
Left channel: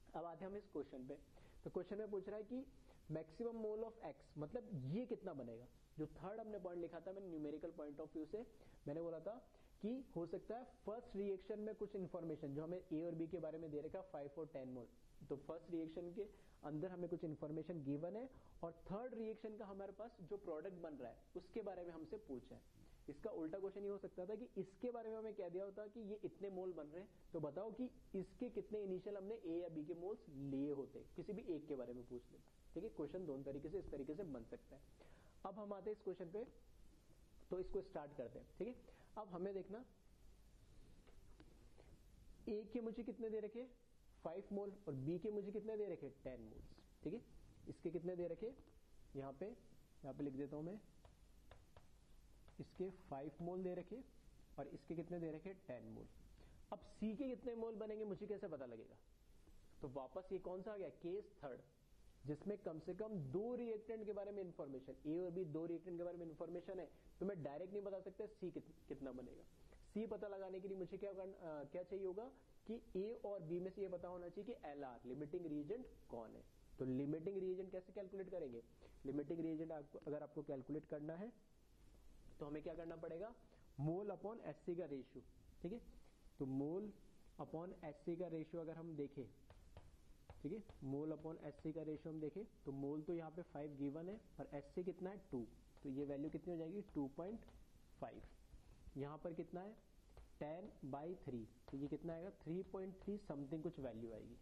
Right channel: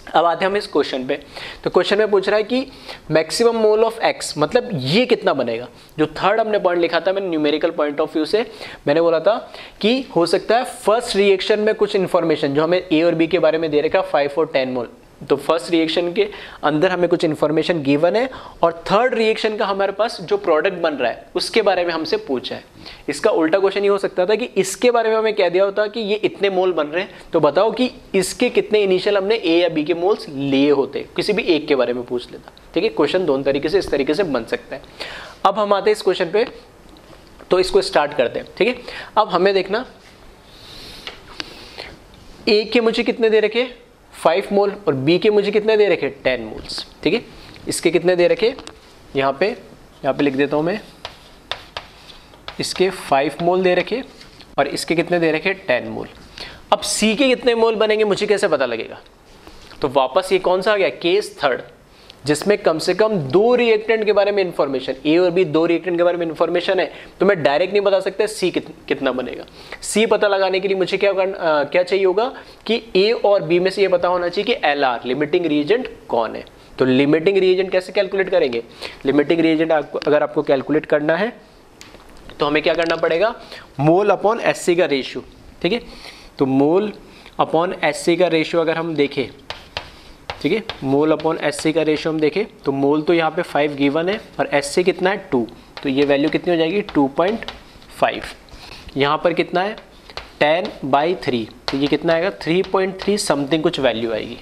अब आते हैं हम इस क्वेश्चन पे। तो क्वेश्चन में पूछ रहा है कि मैक्सिमम मोल ऑफ एक्स, मतलब ये कितना बनेगा। जो थर्ड हमने पॉइंट लिखा था, मैंने न्यूमेरिकल पॉइंट ऑफ व्यू से मैंने बोला था कि हो सकता है फर्स्ट रिएक्शन में कुछ इन्फॉर्मेशन जो हमें ए और बी के बारे में दे रखा 5 और 10 मोल, तो फर्स्ट रिएक्शन के अंदर हमें कुछ इन्फॉर्मेशन गिवन है, और थर्ड रिएक्शन का हमारे पास जो प्रोडक्ट बन रहा है उसके बारे में हमसे पूछा है। इसका उल्टा क्वेश्चन ये हो सकता था कि इसके बारे में हमें कह दिया होता कि ये इतने मोल बन रहे हैं, तो बताओ कि इसके कितने इनिशियल हमने ए या बी के मोल्स लिए होते, किसी भी एक के बारे में पूछ लेता। ठीक है, क्वेश्चन दोनों तरीके से इस तरीके से बन सकता है। अब हम आते हैं इस क्वेश्चन पे, तो इसको स्टार्ट करते हैं। ठीक है, अब हमें देखना ए के मुझे कितने दे रखे 5 मोल और बी के मुझे कितने दे रखे 10 मोल्स। ठीक है, इसके कितने दे रखे, यहाँ पे लिख देता हूँ मैं, इसके 5 मोल दे रखे और इसके कितने दे रखे 10 मोल। अब सी के कितने मोल बनेंगे मुझे कैसे पता लगेगा, तो वापस ये कौन सा आ गया, केस थर्ड, जिसमें कम से कम दो रिएक्टेंट के बारे में इंफॉर्मेशन, ए और बी दो रिएक्टेंट के बारे में इंफॉर्मेशन है, तो मैं डायरेक्ट नहीं बता सकता सी कितना बनेगा। सी पता लगाने के लिए मुझे क्या चाहिए होगा कि ए और बी में से ये पता होना चाहिए कि LR लिमिटिंग रिएजेंट कौन है। तो लिमिटिंग रिएजेंट कैसे कैलकुलेट करेंगे, लिमिटिंग रिएजेंट अगर आपको कैलकुलेट करना है तो हमें क्या करना पड़ेगा, मोल अपॉन SC का रेशियो। ठीक है, तो मोल अपॉन SC का रेशियो अगर हम देखें, ठीक है, मोल अपॉन SC का रेशियो हम देखें तो मोल तो यहाँ पे 5 गिवन है और SC कितना है 2, तो ये वैल्यू कितनी हो जाएगी 2.5। यहाँ पर कितना है 10/3, तो ये कितना आएगा 3.3 समथिंग कुछ वैल्यू आएगी।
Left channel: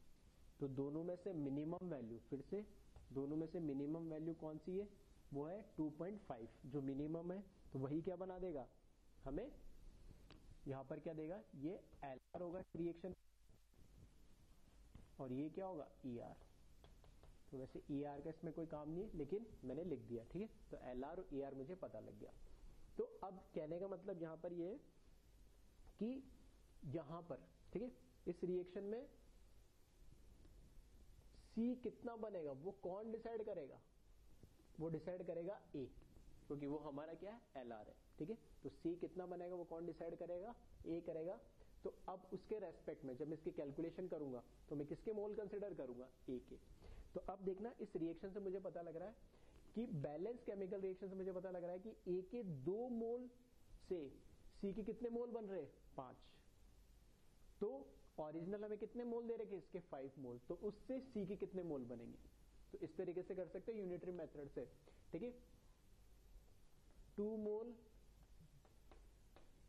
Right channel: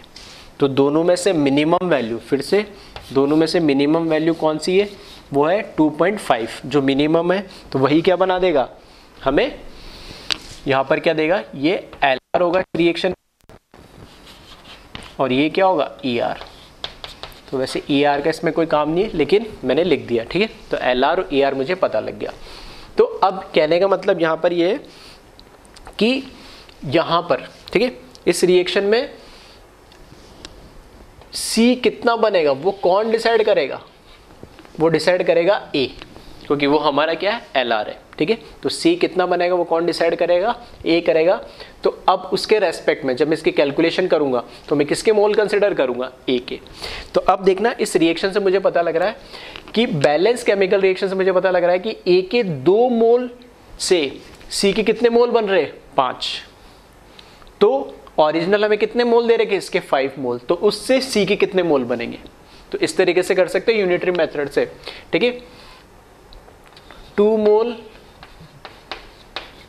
तो दोनों में से मिनिमम वैल्यू, फिर से दोनों में से मिनिमम वैल्यू कौन सी है, वो है 2.5 जो मिनिमम है, तो वही क्या बना देगा हमें, यहाँ पर क्या देगा, ये LR होगा रिएक्शन और ये क्या होगा ER। तो वैसे ER का इसमें कोई काम नहीं है, लेकिन मैंने लिख दिया। ठीक है, तो LR और ER मुझे पता लग गया। तो अब कहने का मतलब यहाँ पर ये है कि यहाँ पर, ठीक है, इस रिएक्शन में C कितना बनेगा वो कौन डिसाइड करेगा, वो डिसाइड करेगा A, क्योंकि वो हमारा क्या है LR है। ठीक है, तो C कितना बनेगा वो कौन डिसाइड करेगा, A करेगा। तो अब उसके रेस्पेक्ट में जब मैं इसकी कैलकुलेशन करूंगा तो मैं किसके मोल कंसिडर करूंगा, A के। तो अब देखना इस रिएक्शन से मुझे पता लग रहा है कि बैलेंस केमिकल रिएक्शन से मुझे पता लग रहा है कि A के 2 मोल से C के कितने मोल बन रहे, 5। तो ओरिजिनल हमें कितने मोल दे रखे, इसके 5 मोल, तो उससे C के कितने मोल बनेंगे। तो इस तरीके से कर सकते हैं यूनिटरी मेथड से। ठीक है, 2 मोल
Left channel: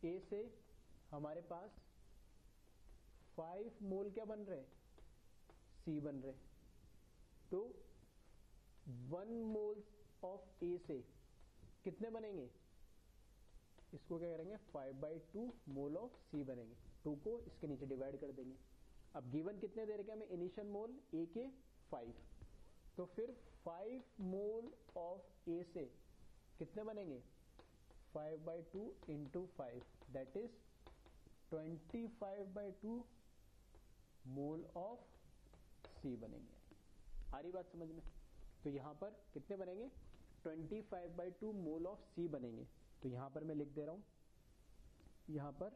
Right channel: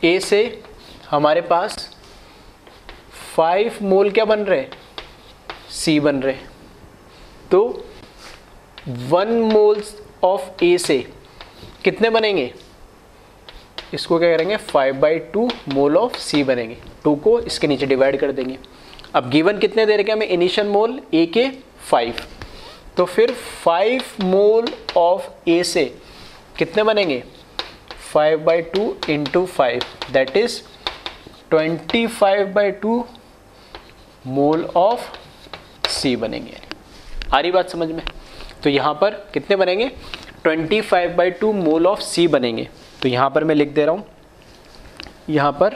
A से हमारे पास 5 मोल क्या बन रहे, C बन रहे। तो 1 मोल्स ऑफ A से कितने बनेंगे, इसको क्या करेंगे 5/2 मोल ऑफ C बनेंगे। 2 को इसके नीचे डिवाइड कर देंगे। अब गिवन कितने दे रखे हमें, इनिशियल मोल A के 5, तो फिर 5 मोल ऑफ A से कितने बनेंगे 5/2 into 5, that is 25/2 mole of C बनेंगे। आ रही बात समझ में। तो यहाँ पर कितने बनेंगे 25/2 मोल ऑफ C बनेंगे। तो यहाँ पर मैं लिख दे रहा हूँ, यहाँ पर,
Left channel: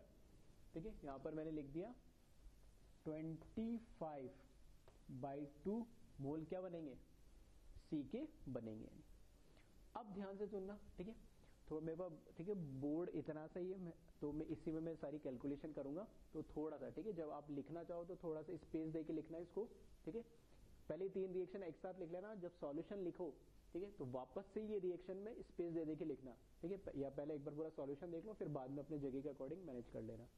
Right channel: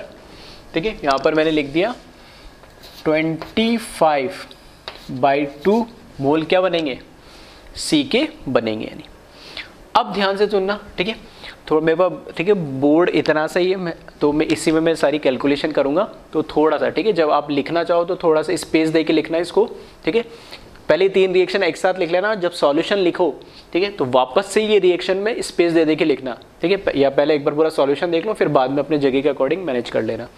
ठीक है, यहाँ पर मैंने लिख दिया 25/2 मोल क्या बनेंगे, सी के बनेंगे। यानी अब ध्यान से सुनना, ठीक है, थोड़ा मेरे पास, ठीक है, बोर्ड इतना सही है, तो मैं इसी में मैं सारी कैलकुलेशन करूंगा, तो थोड़ा सा, ठीक है, जब आप लिखना चाहो तो थोड़ा सा स्पेस दे के लिखना इसको, ठीक है। पहले 3 रिएक्शन एक साथ लिख लेना, जब सॉल्यूशन लिखो, ठीक है, तो वापस से ये रिएक्शन में स्पेस दे के लिखना, ठीक है, या पहले एक बार पूरा सॉल्यूशन देख लो, फिर बाद में अपने जगह के अकॉर्डिंग मैनेज कर लेना।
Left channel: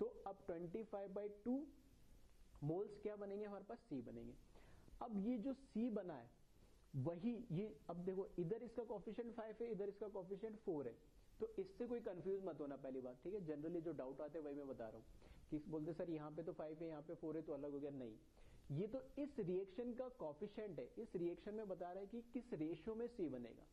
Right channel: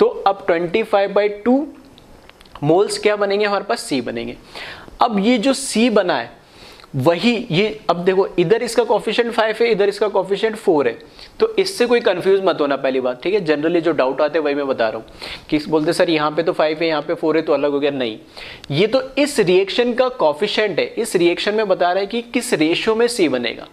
तो अब 25/2 मोल्स क्या बनेंगे हमारे पास, सी बनेंगे। अब ये जो सी बना है वही ये, अब देखो इधर इसका कोफिशिएंट 5 है, इधर इसका कोफिशिएंट 4 है, तो इससे कोई कंफ्यूज मत होना पहली बात, ठीक है। जनरली जो डाउट आते हैं वही मैं बता रहा हूँ कि बोलते सर यहाँ पे तो 5 है, यहाँ पे 4 है, तो अलग हो गया। नहीं, ये तो इस रिएक्शन का कोफिशिएंट है, इस रिएक्शन में बता रहा है कि किस रेशियो में सी बनेगा।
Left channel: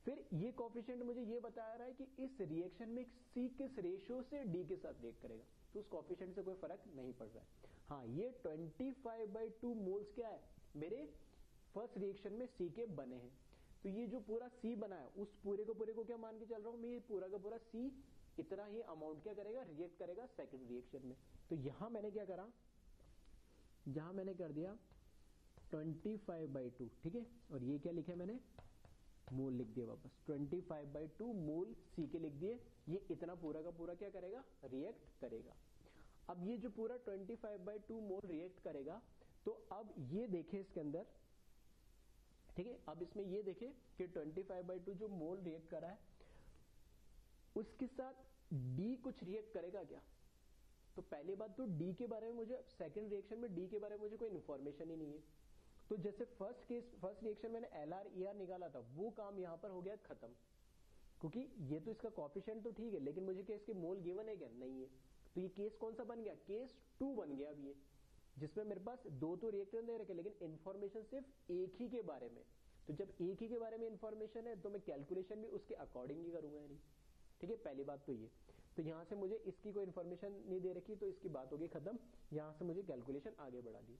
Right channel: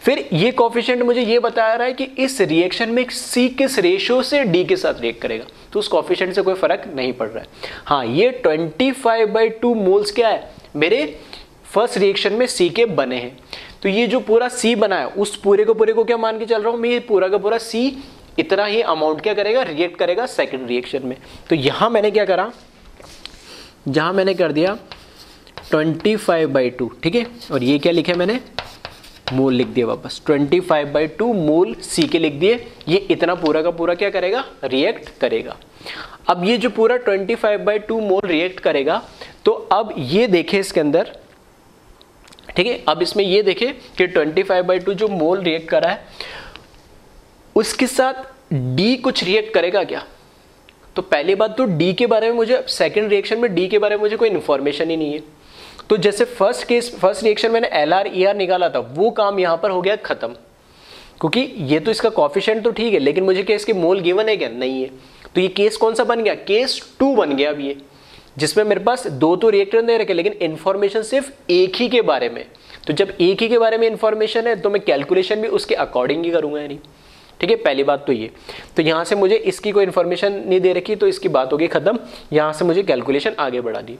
फिर ये कोफिशिएंट मुझे ये बता रहा है कि इस रिएक्शन में सी किस रेशियो से डी के साथ रिएक्ट करेगा, तो उस कोफिशिएंट से कोई फर्क नहीं पड़ रहा है। हाँ, ये 25/2 मोल्स क्या है, मेरे फर्स्ट रिएक्शन में सी के बने हैं। तो ये जो पूरा सी बना है, उस पूरे को क्या मान के चल रहा हूं मैं, ये पूरा का पूरा सी इतना ही अमाउंट क्या करेगा, रिएक्ट करेगा सेकंड रिएक्शन में। तो यहां मैंने क्या करा, जहां मैंने कर दिया 25/2, ठीक है, और ये क्या लिखे मैंने, मोल लिख दिया वापस, 25/2 मोल सी के लिख दिए। ये इतना पूरा का पूरा क्या करेगा, रिएक्ट करेगा। अब ये जो पूरा 25/2 मोल रिएक्ट करेगा, तो अब ये देखे इसके अंदर, ठीक है, अब इसमें ये देखे कि 25/2 जो मोल रिएक्ट करा है उसके साथ डी कुछ रिएक्ट करेगा क्या। तो पहली बात तो डी के बारे में मुझे, सेकंड रिएक्शन में डी के बारे में मुझे कोई इन्फॉर्मेशन ही नहीं है। तो जैसे फर्स्ट रिएक्शन मैंने LR ER निकाला था, वो काम यहां पर हो गया खत्म, क्योंकि ये तो इसका कोफिशिएंट तो ठीक है, लेकिन मुझे क्या इसके मोल गिवन है क्या, नहीं है। तो ये केस कौन सा बन गया, केस 2 बन गया अब ये, जिसमें मेरे पास 2 तो रिएक्टर दे रखे, लेकिन इंफॉर्मेशन सिर्फ एक ही के बारे में। तो जब एक ही के बारे में इंफॉर्मेशन है तो मैं कैलकुलेशन भी उसके अकॉर्डिंग ही करूंगा, यानी ठीक है, पहली बात तो ये। तो यहां से मुझे इसकी कोई इन्फॉर्मेशन नहीं दे रखी, तो इसकी बात होगी खत्म, यहां से मुझे कैलकुलेशन आगे बढ़ा दी।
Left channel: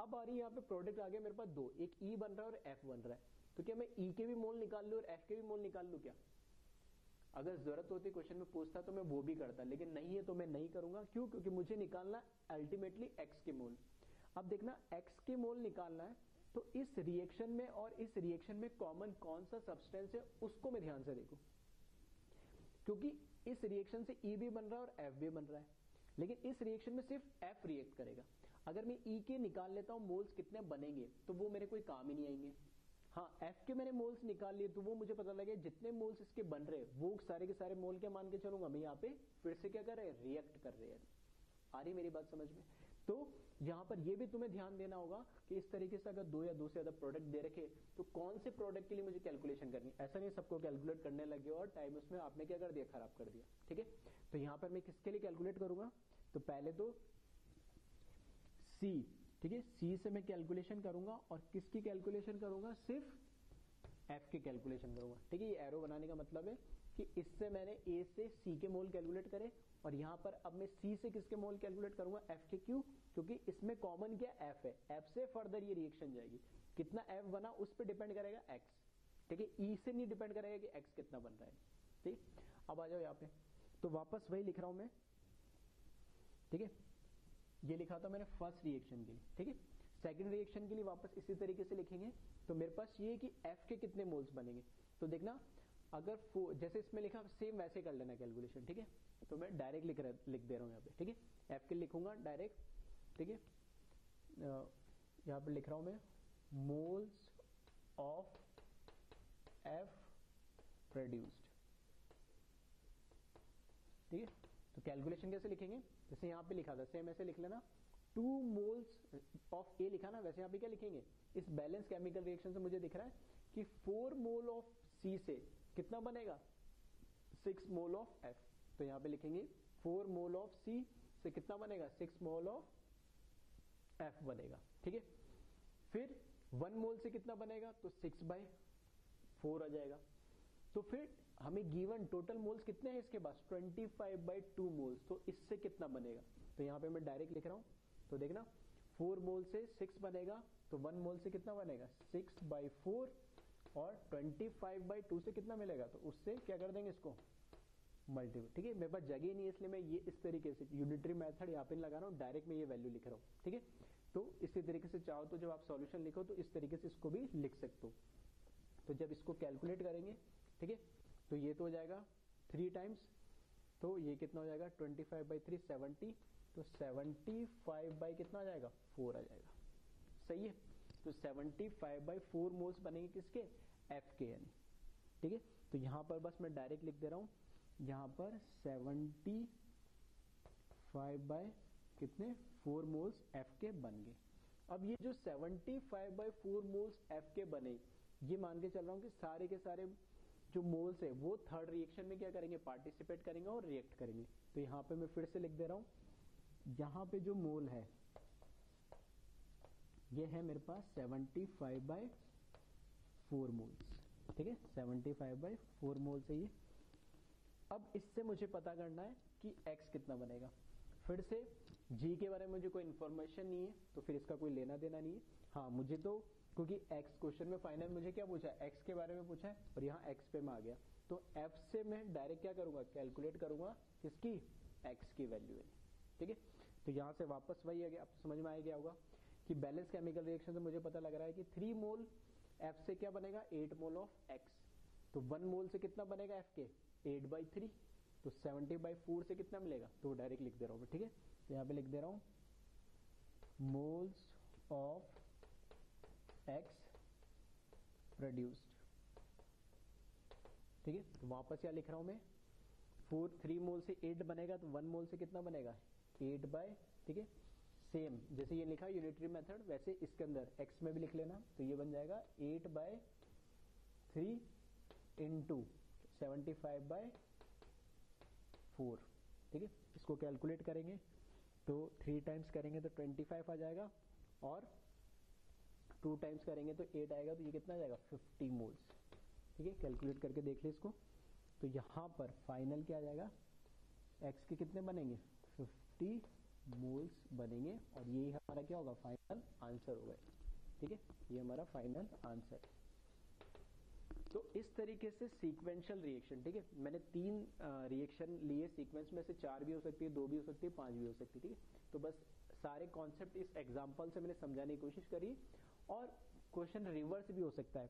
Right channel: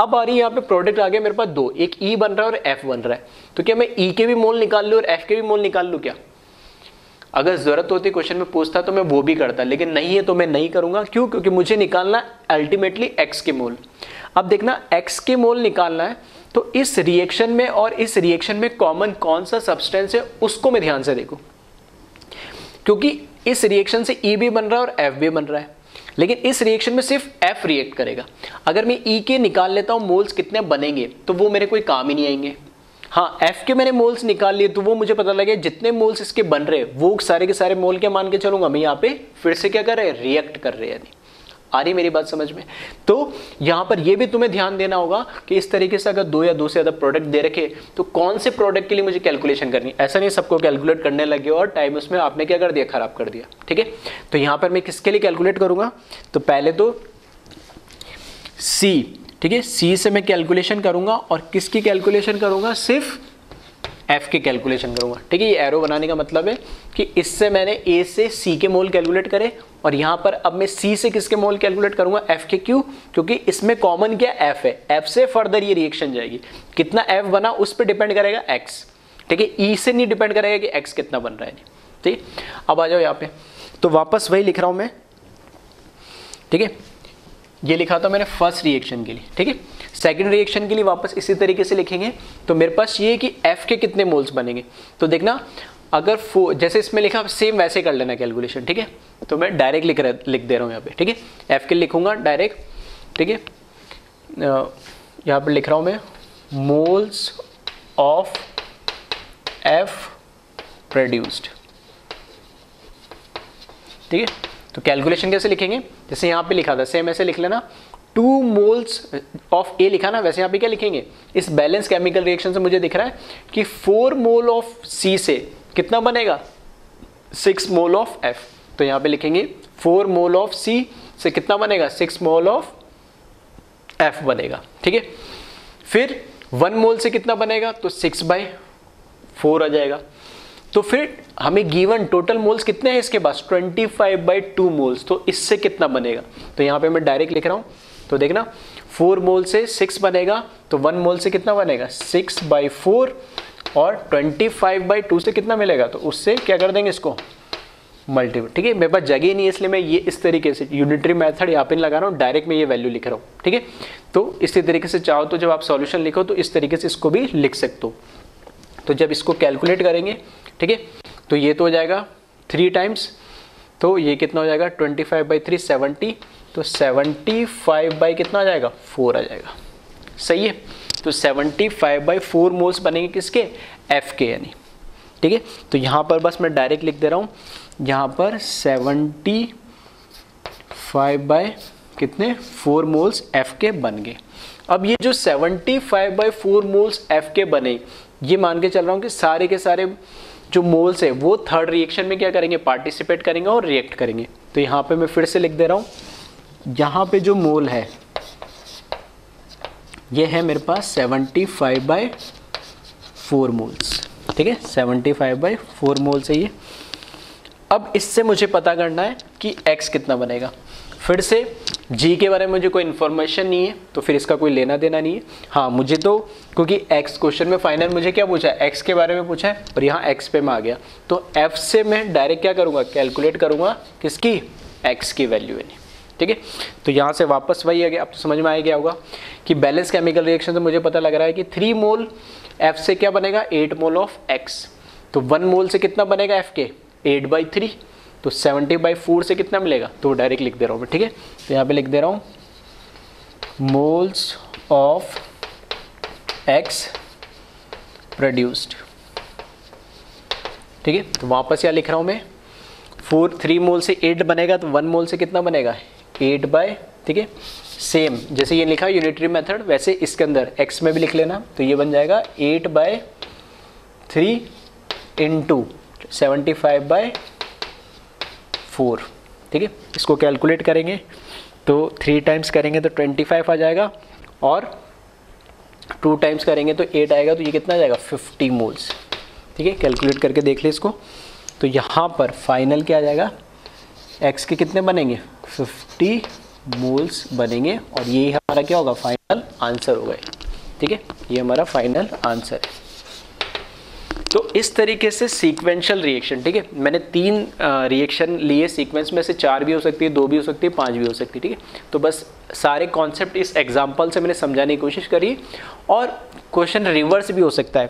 अब आ रही है यहाँ पे प्रोडक्ट आ गया मेरे पास 2, एक E बन रहा है और F बन रहा है। तो क्या मैं E के भी मोल निकाल लूँ और F के भी मोल निकाल लूँ क्या? अगर जरूरत होती क्वेश्चन में पूछता तो मैं वो भी करता, लेकिन नहीं है तो मैं नहीं करूंगा। क्यों? क्योंकि मुझे निकालना अल्टीमेटली X के मोल। अब देखना X के मोल निकालना है तो इस रिएक्शन में और इस रिएक्शन में कॉमन कौन सा सब्सटेंस है उसको मैं ध्यान से देखूं, क्योंकि इस रिएक्शन से E भी बन रहा है और F भी बन रहा है, लेकिन इस रिएक्शन में सिर्फ F रिएक्ट करेगा। अगर मैं E के निकाल लेता हूं मोल्स कितने बनेंगे तो वो मेरे कोई काम ही नहीं आएंगे। हाँ, F के मैंने मोल्स निकाल लिए तो वो मुझे पता लगे जितने मोल्स इसके बन रहे वो सारे के सारे मोल क्या मान के चलूंगा मैं, यहाँ पे फिर से क्या कर रहे हैं, रिएक्ट कर रहे हैं। आ रही मेरी बात समझ में? तो यहाँ पर ये भी तुम्हें ध्यान देना होगा कि इस तरीके से अगर 2 या 2 से ज्यादा प्रोडक्ट दे रखे तो कौन से प्रोडक्ट के लिए मुझे कैलकुलेशन करनी, ऐसा नहीं सबको कैलकुलेट करने लगे और टाइम उसमें आपने क्या कर दिया, खराब कर दिया। ठीक है, तो यहाँ पर मैं किसके लिए कैलकुलेट करूंगा, तो पहले तो C, ठीक है, C से मैं कैलकुलेशन करूंगा और किसकी कैलकुलेशन करूंगा, सिर्फ F के कैलकुलेशन करूंगा। ठीक है, ये एरो बनाने का मतलब है कि इससे मैंने A से C के मोल कैलकुलेट करे और यहाँ पर अब मैं C से किसके मोल कैलकुलेट करूंगा, F के। क्यों? क्योंकि इसमें कॉमन क्या F है, F से फर्दर ये रिएक्शन जाएगी। कितना F बना उस पर डिपेंड करेगा X। ठीक है, E से नहीं डिपेंड करेगा कि X कितना बन रहा है। ठीक, अब आ जाओ यहाँ पे, तो वापस वही लिख रहा हूं मैं। ठीक है, ये लिखा था मैंने फर्स्ट रिएक्शन के लिए। ठीक है, सेकंड रिएक्शन के लिए वापस इसी तरीके से लिखेंगे। तो मेरे पास ये है कि F के कितने मोल्स बनेंगे, तो देखना अगर जैसे इसमें लिखा सेम वैसे कर लेना कैलकुलेशन। ठीक है, तो मैं डायरेक्ट लिख दे रहा हूँ यहाँ पे। ठीक है, F के लिखूंगा डायरेक्ट। ठीक है, यहाँ पे लिख रहा हूँ मैं मोल्स ऑफ F प्रोड्यूस्ड। ठीक है, तो कैलकुलेशन कैसे लिखेंगे, जैसे यहाँ पे लिखा था सेम ऐसे लिख लेना, 2 मोल्स ऑफ A लिखा ना, वैसे यहाँ पे क्या लिखेंगे, इस बैलेंस केमिकल रिएक्शन से मुझे दिख रहा है कि 4 मोल ऑफ C से कितना बनेगा, 6 मोल ऑफ F। तो यहाँ पे लिखेंगे 4 मोल ऑफ C से कितना बनेगा, 6 मोल ऑफ F बनेगा। ठीक है, फिर 1 मोल से कितना बनेगा, तो 6/4 आ जाएगा। तो फिर हमें गिवन टोटल मोल्स कितने हैं इसके पास, 25/2 मोल्स। तो इससे कितना बनेगा, तो यहाँ पे मैं डायरेक्ट लिख रहा हूँ। तो देखना 4 मोल से 6 बनेगा, तो 1 मोल से कितना बनेगा, 6/4, और 25/2 से कितना मिलेगा, तो उससे क्या कर देंगे इसको मल्टीपल, ठीक है। मेरे पास जगह नहीं है इसलिए मैं ये इस तरीके से यूनिटरी मेथड यहाँ पे लगा रहा हूँ, डायरेक्ट मैं ये वैल्यू लिख रहा हूँ, ठीक है। तो इसी तरीके से चाहो तो जब आप सॉल्यूशन लिखो तो इस तरीके से इसको भी लिख सकते हो। तो जब इसको कैलकुलेट करेंगे, ठीक है, तो ये तो हो जाएगा 3 टाइम्स, तो ये कितना हो जाएगा 25/3 70, तो 75 कितना आ जाएगा 4 आ जाएगा, सही है। तो 75/4 मोल्स बनेंगे किसके, एफ के यानी, ठीक है। तो यहाँ पर बस मैं डायरेक्ट लिख दे रहा हूँ, यहाँ पर 75 कितने 4 मोल्स एफ के बन गए। अब ये जो 75/4 मोल्स एफ के बने, ये मान के चल रहा हूँ कि सारे के सारे जो मोल्स है वो थर्ड रिएक्शन में क्या करेंगे, पार्टिसिपेट करेंगे और रिएक्ट करेंगे। तो यहाँ पे मैं फिर से लिख दे रहा हूँ, यहाँ पे जो मोल है ये है मेरे पास 75/4 मोल्स, ठीक है, 75/4 मोल्स है ये। अब इससे मुझे पता करना है कि x कितना बनेगा। फिर से g के बारे में मुझे कोई इन्फॉर्मेशन नहीं है तो फिर इसका कोई लेना देना नहीं है। हाँ मुझे तो, क्योंकि x क्वेश्चन में फाइनल मुझे क्या पूछा है, x के बारे में पूछा है और यहाँ x पे मैं आ गया, तो f से मैं डायरेक्ट क्या करूँगा, कैलकुलेट करूँगा किसकी, x की वैल्यू है, ठीक है। तो यहाँ से वापस वही है, अब तो समझ में आ गया होगा कि बैलेंस केमिकल रिएक्शन से मुझे पता लग रहा है कि 3 मोल F से क्या बनेगा 8 मोल ऑफ X, तो 1 मोल से कितना बनेगा F के 8/3, तो 70/4 से कितना मिलेगा, तो डायरेक्ट लिख दे रहा हूँ मैं, ठीक है। तो यहाँ पे लिख दे रहा हूँ मोल्स ऑफ X प्रोड्यूस्ड, ठीक है। तो वापस यहाँ लिख रहा हूँ मैं 3 मोल से 8 बनेगा तो 1 मोल से कितना बनेगा 8/, ठीक है। सेम जैसे ये लिखा यूनिटरी मेथड वैसे इसके अंदर x में भी लिख लेना, तो ये बन जाएगा 8/3 इंटू 75/4, ठीक है। इसको कैलकुलेट करेंगे तो 3 टाइम्स करेंगे तो 25 आ जाएगा और 2 टाइम्स करेंगे तो 8 आएगा, तो ये कितना आ जाएगा 50 मोल्स, ठीक है। कैलकुलेट करके देख ले इसको, तो यहाँ पर फाइनल क्या आ जाएगा, x के कितने बनेंगे 50 मोल्स बनेंगे और ये हमारा क्या होगा फाइनल आंसर होगा, ठीक है। ये हमारा फाइनल आंसर है। तो इस तरीके से सीक्वेंशियल रिएक्शन, ठीक है, मैंने 3 रिएक्शन लिए सीक्वेंस में से 4 भी हो सकती है, 2 भी हो सकती है, 5 भी हो सकती है, ठीक है। तो बस सारे कॉन्सेप्ट इस एग्जांपल से मैंने समझाने की कोशिश करी। और क्वेश्चन रिवर्स भी हो सकता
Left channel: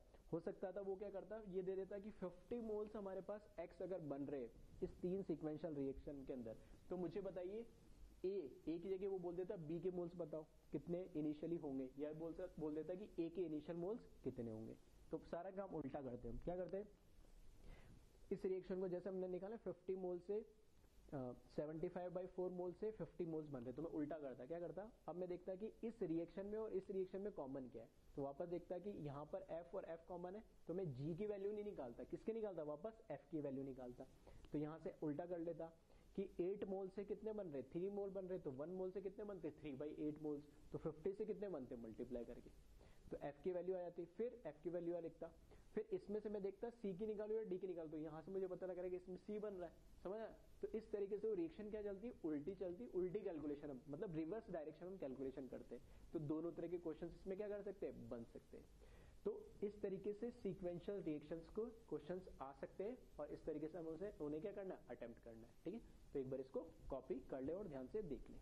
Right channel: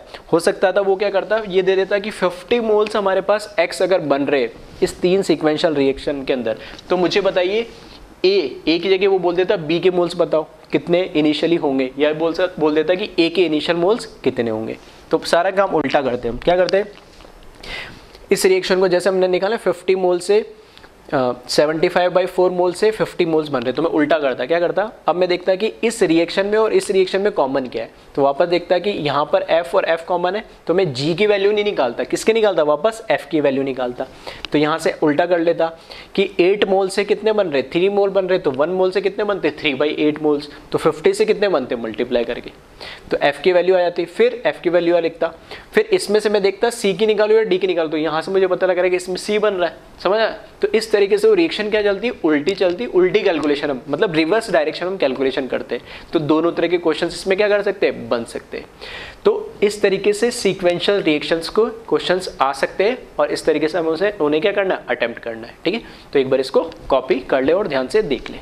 था वो क्या करता, ये दे देता कि 50 मोल्स हमारे पास एक्स अगर बन रहे इस 3 सीक्वेंशियल रिएक्शन के अंदर, तो मुझे बताइए ए की जगह वो बोल देता बी के मोल्स बताओ कितने इनिशियली होंगे, या बोल देता कि ए के इनिशियल मोल्स कितने होंगे। तो सारा काम उल्टा करते हैं हम, क्या करते हैं इस रिएक्शन को, जैसे हमने निकाला 50 मोल से 75/4 मोल से 50 मोल्स बन रहे, तो मैं उल्टा करता, क्या करता, अब मैं देखता कि इस रिएक्शन में और इस रिएक्शन में कॉमन क्या है, तो वापस देखता कि यहाँ पर F और F कॉमन है, तो मैं G की वैल्यू नहीं निकालता, किसके निकालता, वापस F की वैल्यू निकालता। तो यहाँ से उल्टा कर लेता कि 8 मोल से कितने बन रहे 3 मोल बन रहे, तो 1 मोल से कितने बनते 3/8 मोल्स, तो 50 से कितने बनते मल्टीप्लाई करके, तो F की वैल्यू आ जाती, फिर F की वैल्यू लिखता, फिर इसमें से मैं देखता C की निकालू या D की निकालू, तो यहाँ से मुझे पता लग रहा है कि इसमें C बन रहा है, समझा। तो इस तरीके से वो रिएक्शन क्या चलती, उल्टी चलती, उल्टी कैलकुलेशन, मतलब रिवर्स डायरेक्शन में कैलकुलेशन करते हैं। तो दोनों तरह के क्वेश्चंस इसमें क्या कर सकते हैं, बन सकते हैं। तो इस तरीके से सीक्वेंशियल रिएक्शंस को क्वेश्चंस आ सकते हैं और इस तरीके से हमें उन्हें क्या करना है, अटेम्प्ट करना है, ठीक है। तो एक बार इसको कॉपी कर ले और ध्यान से देख ले।